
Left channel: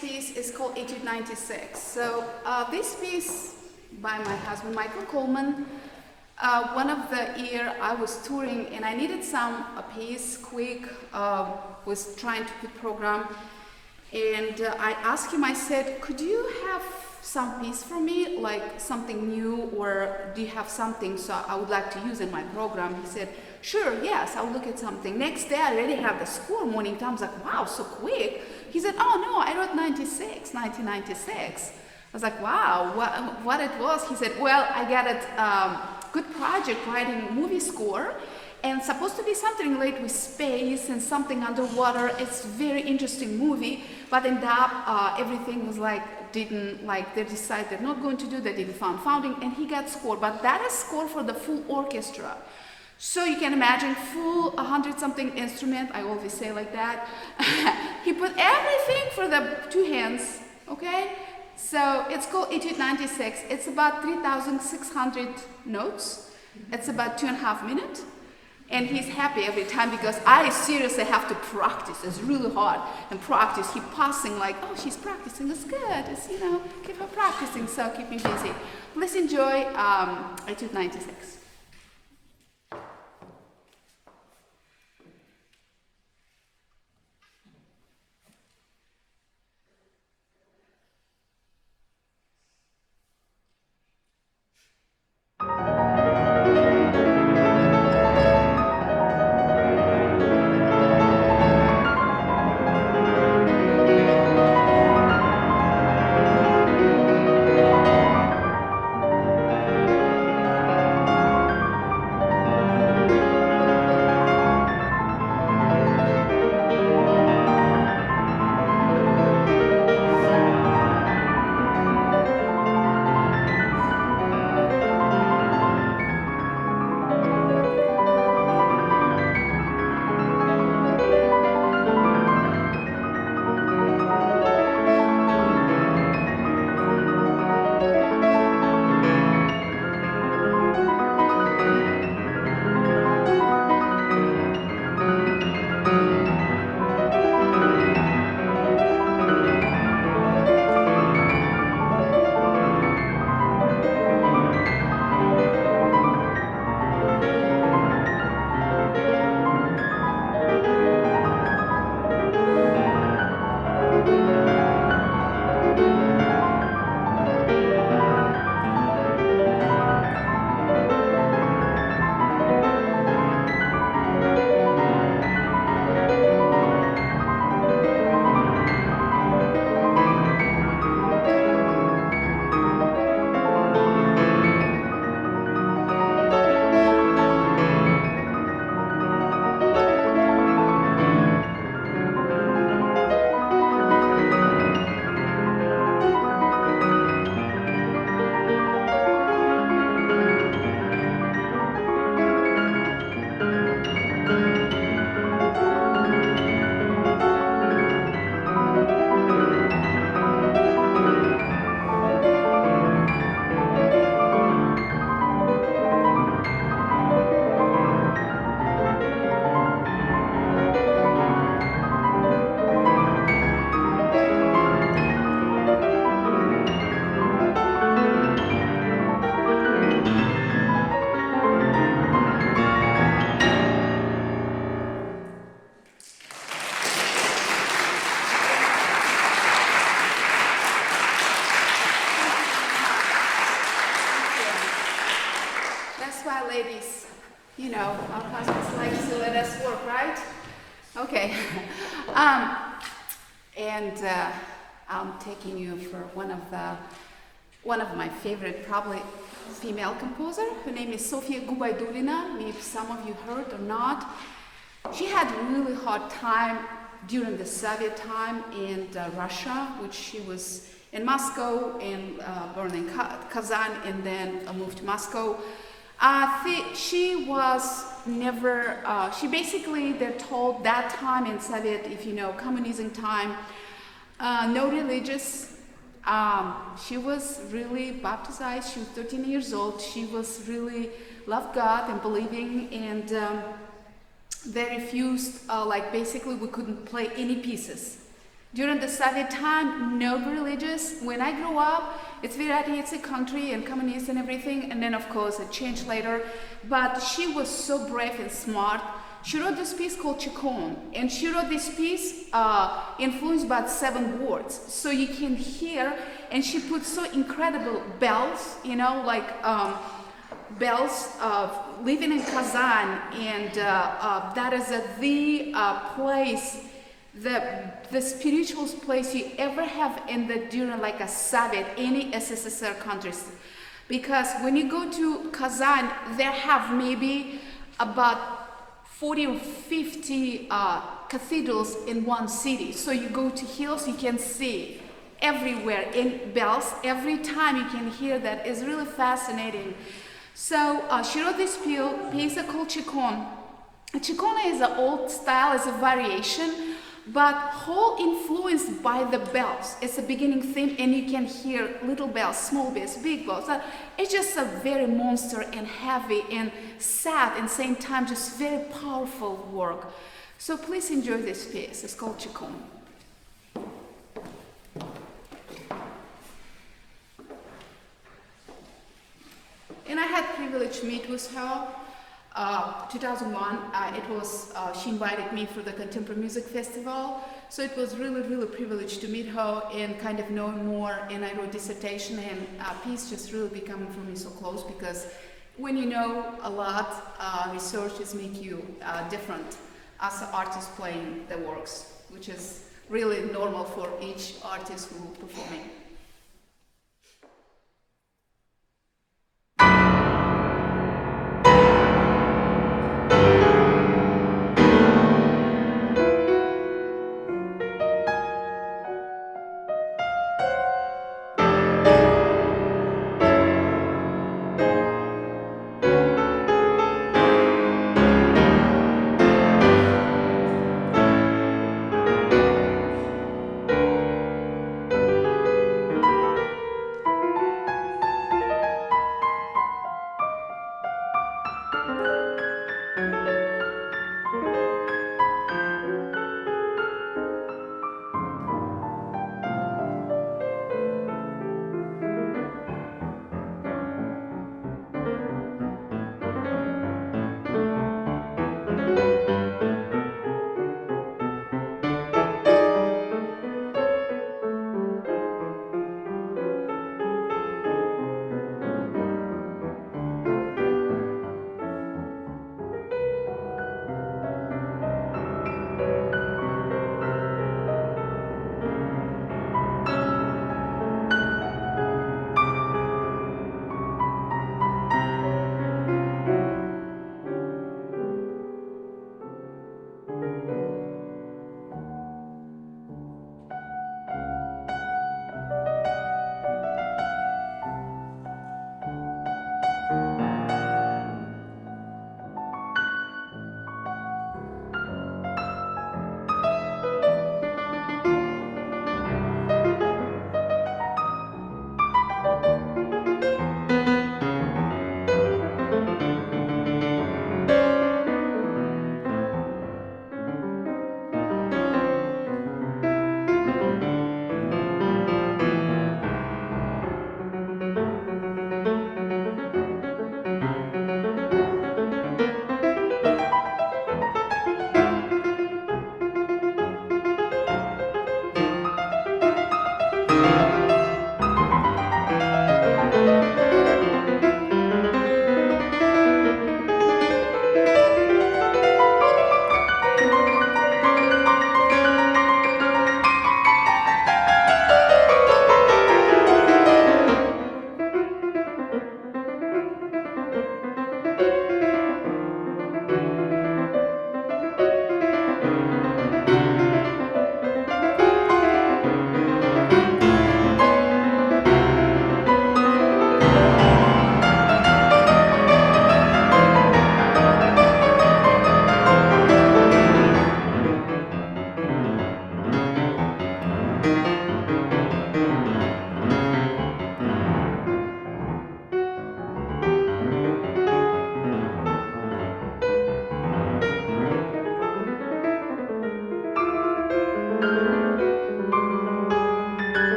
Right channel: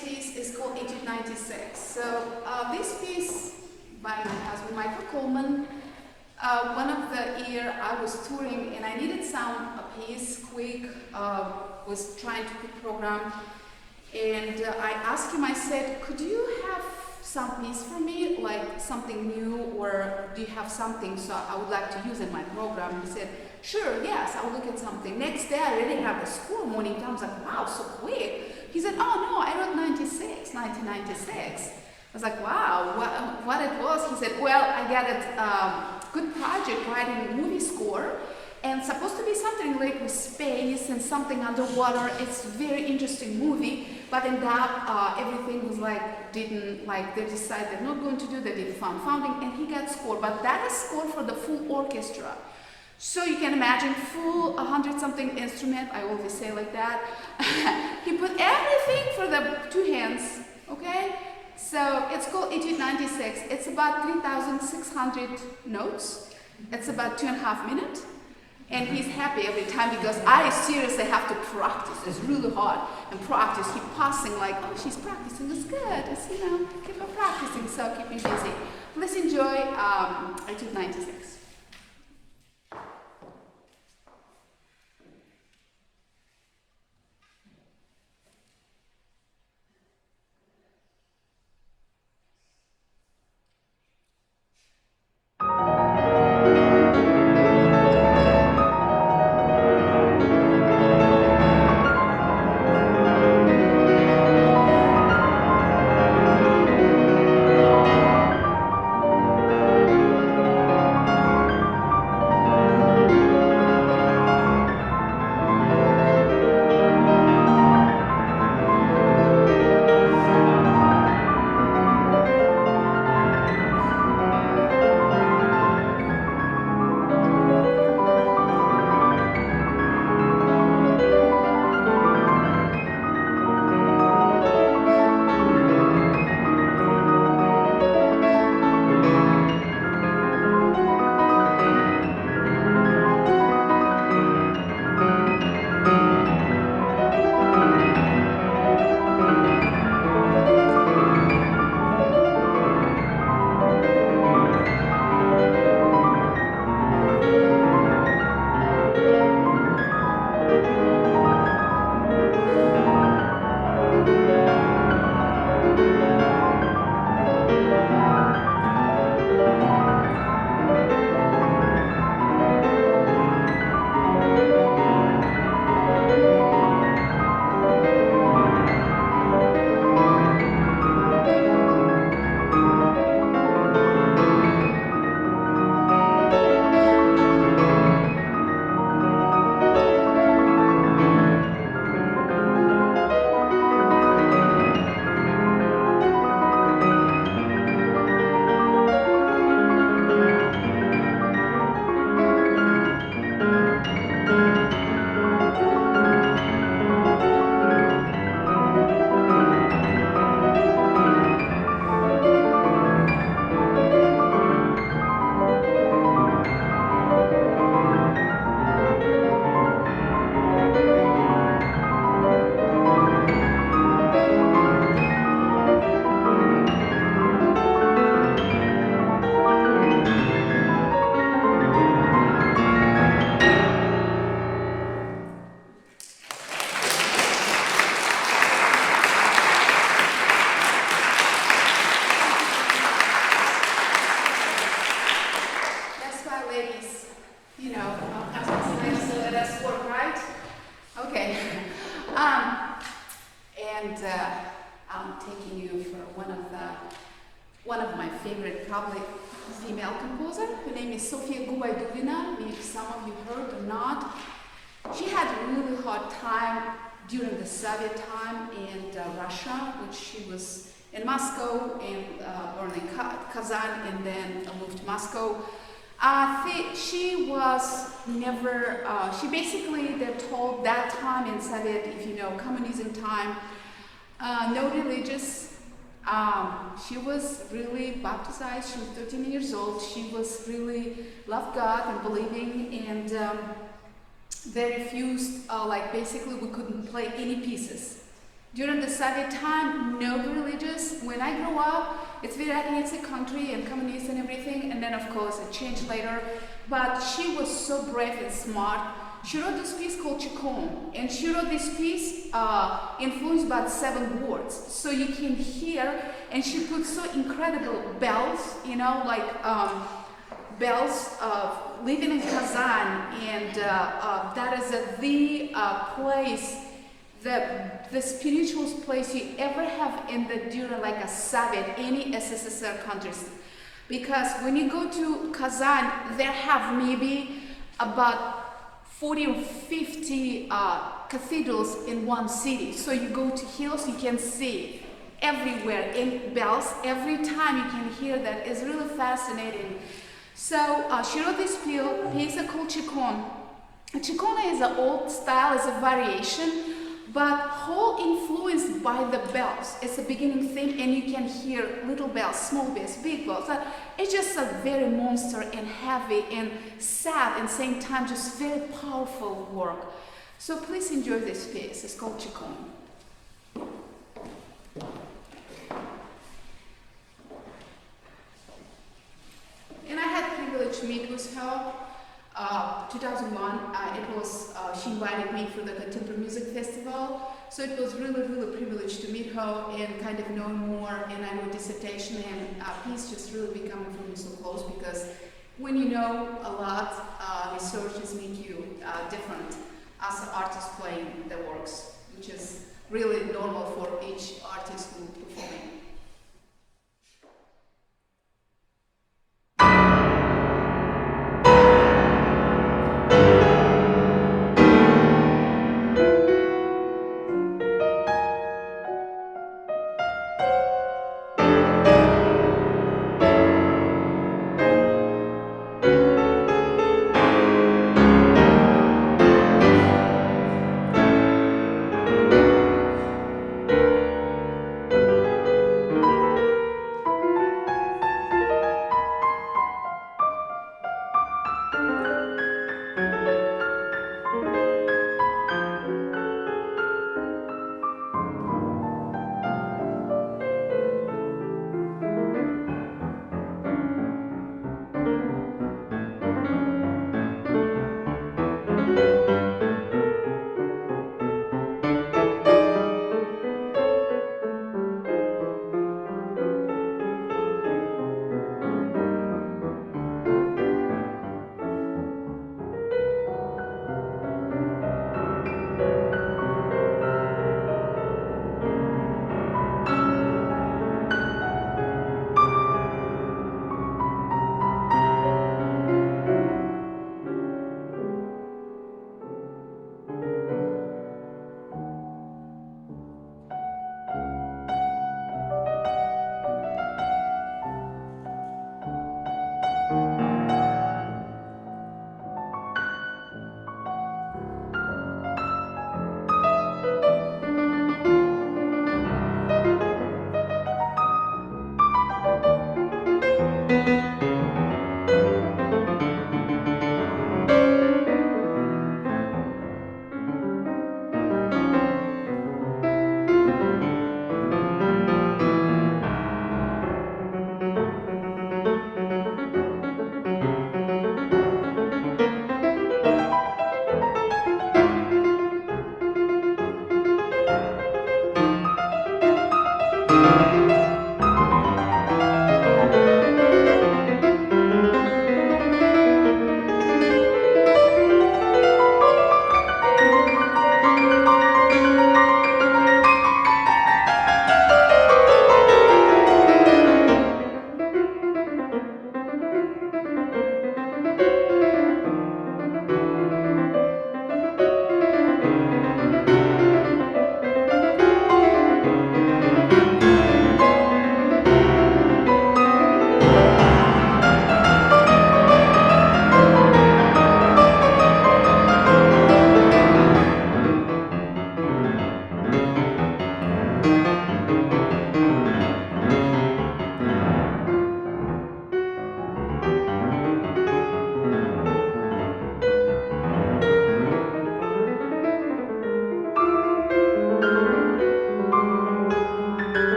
piece is called Etude 96. So this piece by my husband Michael Coleman. One of the year I was touring and I needed a piece quick. Was trying to put program, and I asked him. I said, "Could you have some piece for me, like something new, or do you have something so I would like to use in my program?" He said, "Sure, yes, I'll look at something." Next day, I already have the score morning time. I was like, "Wow, so quick." He said, "Oh no, I wrote 1996. I was like, "Wow, what it was?" He said, "Well, I got a good project writing movie score, and supposed to be something related with space and something underwater. It's very interesting movie, but ended up everything was they decided they're not going to do. They didn't founding, and he got score. But that is score for the full orchestra. So you can imagine full 100-something instrument. I always say like that. He put everything for the two hands. Okay, so it's called Etude 96. It's about 3,600 notes. It's about 2.5 minutes. And he's happy every time because I seriously have to practice. It's really hard. And practice, keep passing like, "Oh, she's practicing. It's good. It's, keep her practicing, so keep me busy." Please enjoy Etude 96. I'm taking you for one of my favorite, probably female composer. Her name is Sofia Gubaidulina. Maybe some of you heard or not. She had a really hard time during the Soviet time in Russia, which she was in Moscow and born in Kazan and then moved to Moscow. She was never, she basically, they're told that time in Soviet, if you know, communism time, no religious. She was really baptized. She was 13 years old. She was really loved God and believing, and they refused, like basically we couldn't play any pieces During the Soviet time, no religious. When I grew up, it's very atheistic country and communist and everything, and then of course it changed later. But she was so brave and smart. She wrote this piece called Chikon, and she wrote this piece influenced by 7 words. So you can hear, and she put so incredible bells, you know, like bells of living in Kazan, and that is the place, the spiritual place you ever have in the during like a Soviet, any SSSR countries. Because when you go to Kazan, they have maybe about 40 or 50 cathedrals in one city. So you go to hills, you can see everywhere in bells. Every time you can hear that. It's really fascinating. So she wrote this piece called Chikon. Chikon is an old style, it's a variation, but whole influenced by the bells. It's a beginning theme, and you can hear little bells, small bells, big bells. It's just a very monster and heavy and sad and same time, just very powerful work. So please enjoy this piece. It's called Chikon. And I had privilege to meet with her. 2001, it was, she invited me for the Contemporary Music Festival. So it was really, really a privilege to meet her and kind of know more. And I wrote dissertation, and piece just really becoming for me so close, because when you know a lot, researches make you different as an artist playing the works, which is really normal for each artist who performing.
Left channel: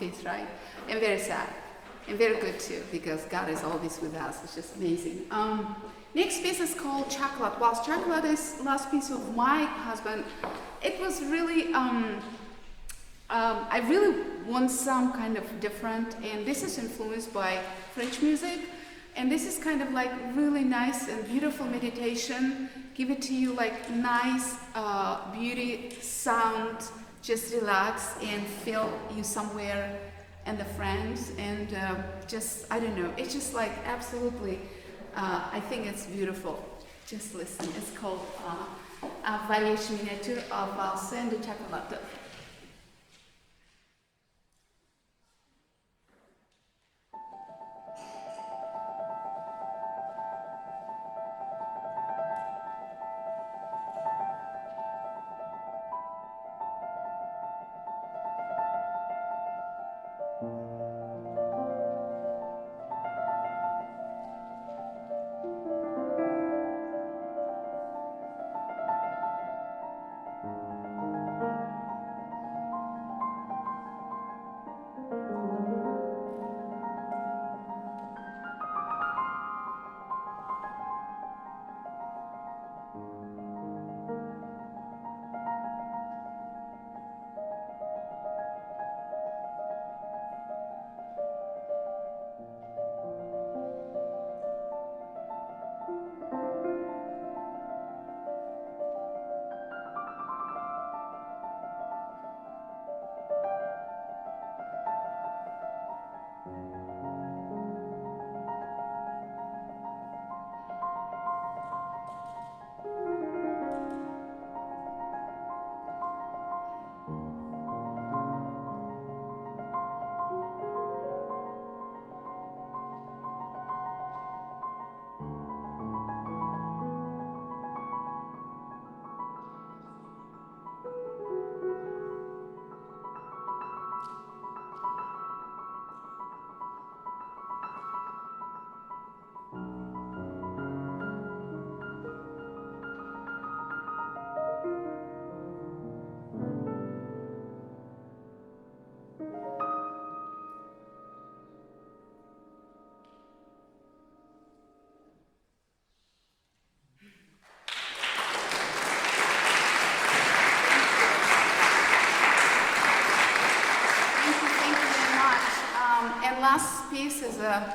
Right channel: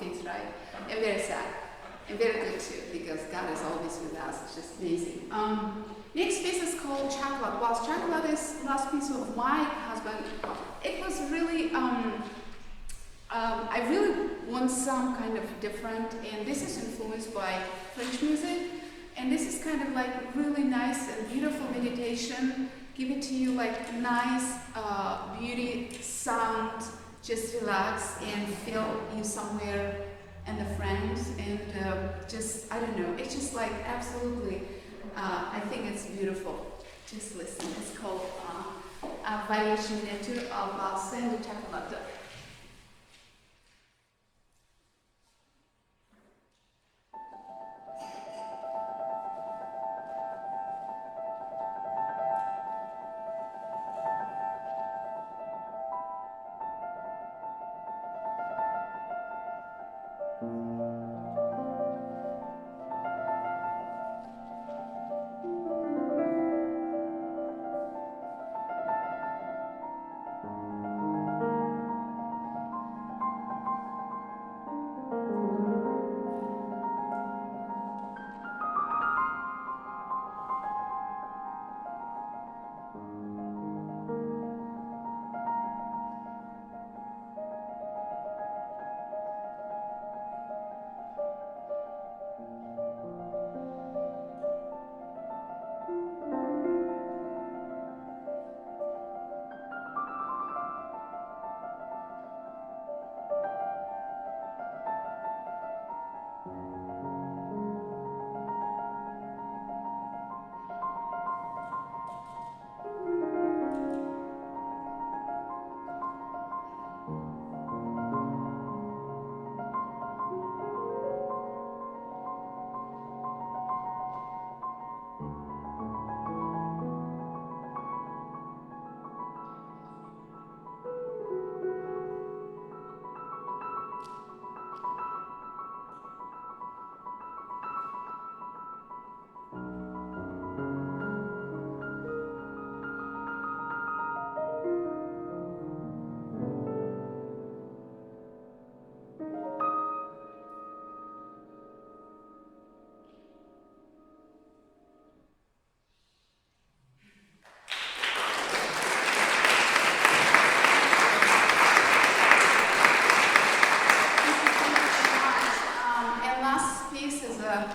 piece, right? And very sad. And very good too, because God is always with us. It's just amazing. Next piece is called Chocolate. Well, Chocolate is last piece of my husband. It was really, I really want some kind of different, and this is influenced by French music. And this is kind of like really nice and beautiful meditation. Give it to you like nice beauty sound. Just relax and feel you somewhere in the France, and just, I don't know, it's just like absolutely, I think it's beautiful. Just listen. It's called Variation Miniature of Valse de Chocolate.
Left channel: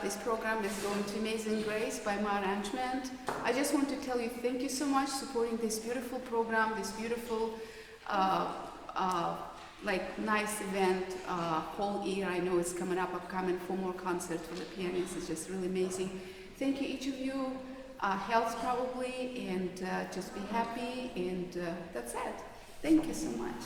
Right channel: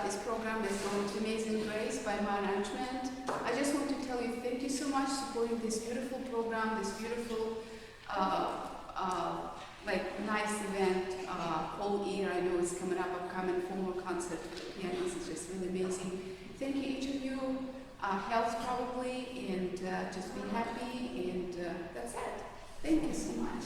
This program is going to Amazing Grace by my arrangement. I just want to tell you thank you so much supporting this beautiful program, this beautiful, nice event. Whole year, I know it's coming up, upcoming 4 more concerts for the pianists. It's just really amazing. Thank you, each of you. Health probably, and just be happy, and that's it. Thank you so much.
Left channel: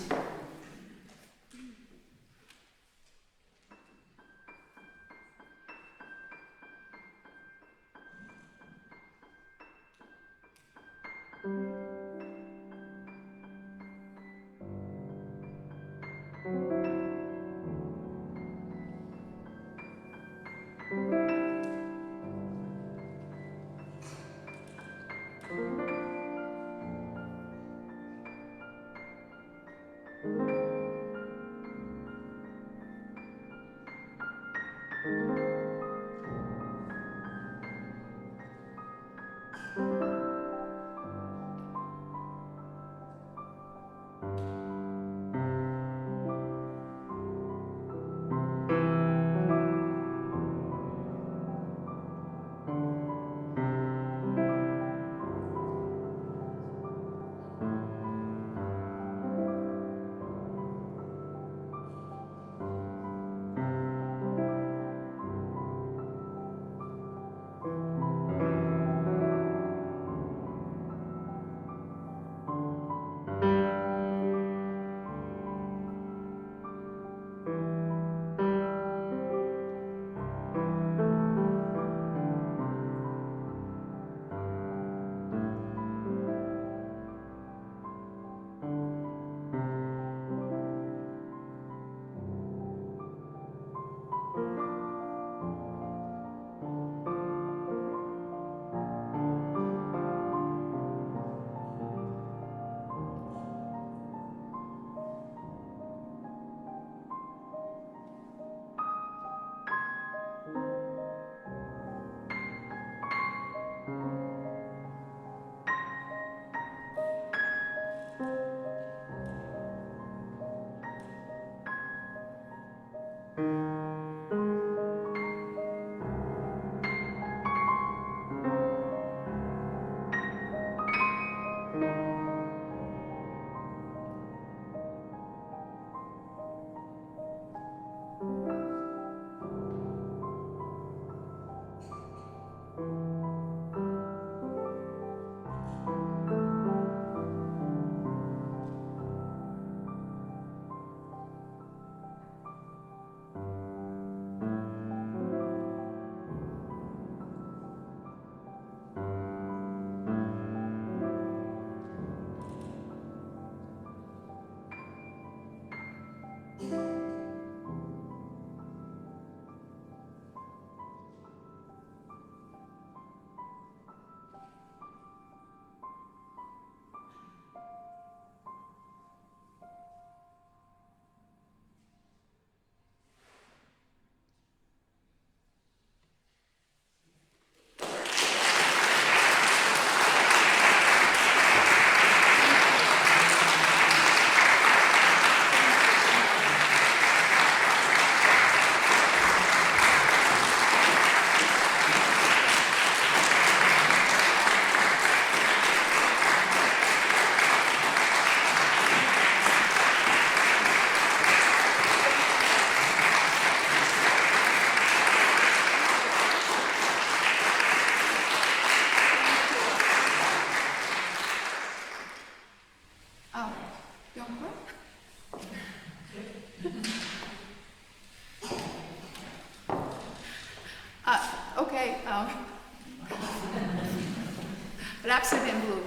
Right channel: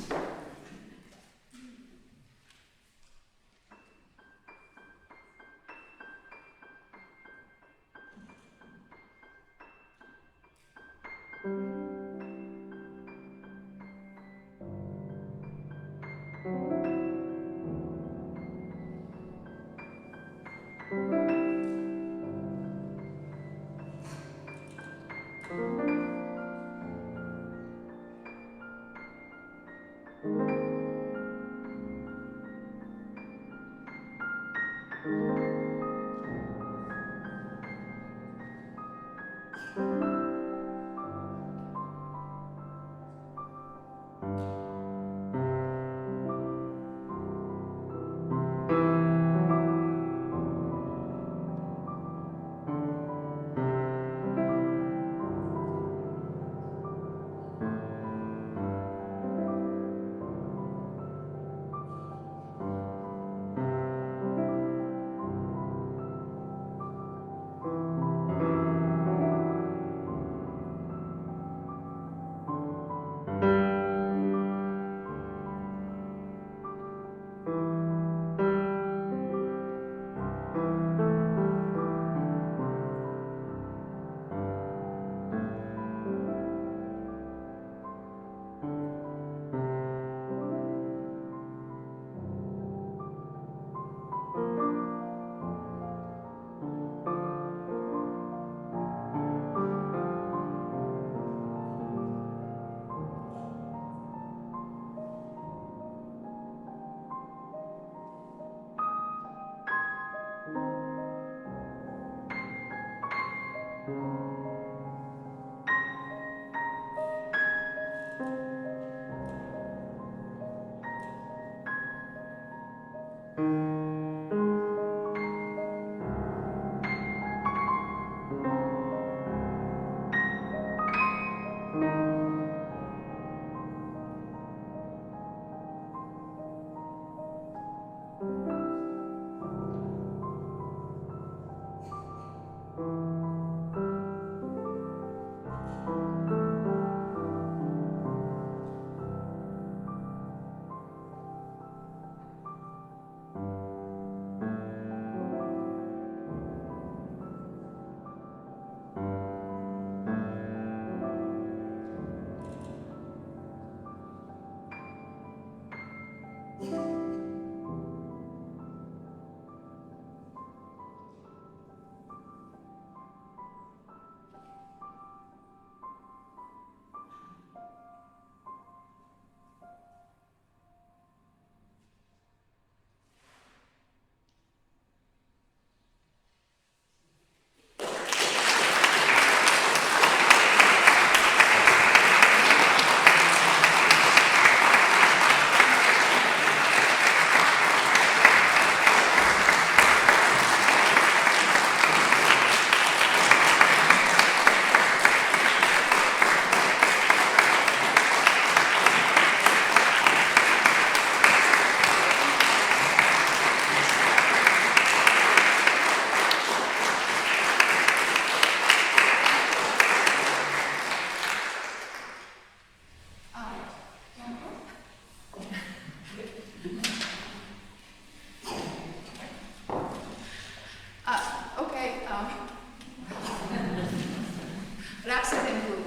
Rhapsody in Blue.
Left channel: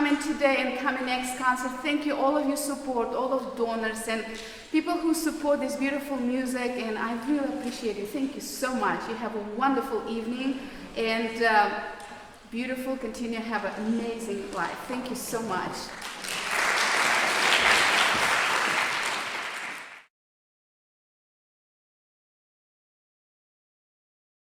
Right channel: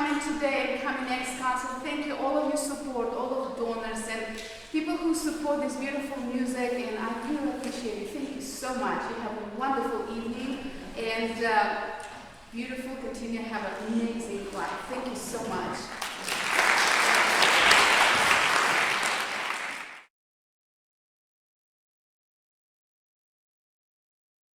coming today and coming next concert. Thank you, all of your support, all of donors and people who support this beautiful music, and I really appreciate it. Thank you so much. You have a wonderful evening and beautiful, continue to have an amazing life. Thank you so much.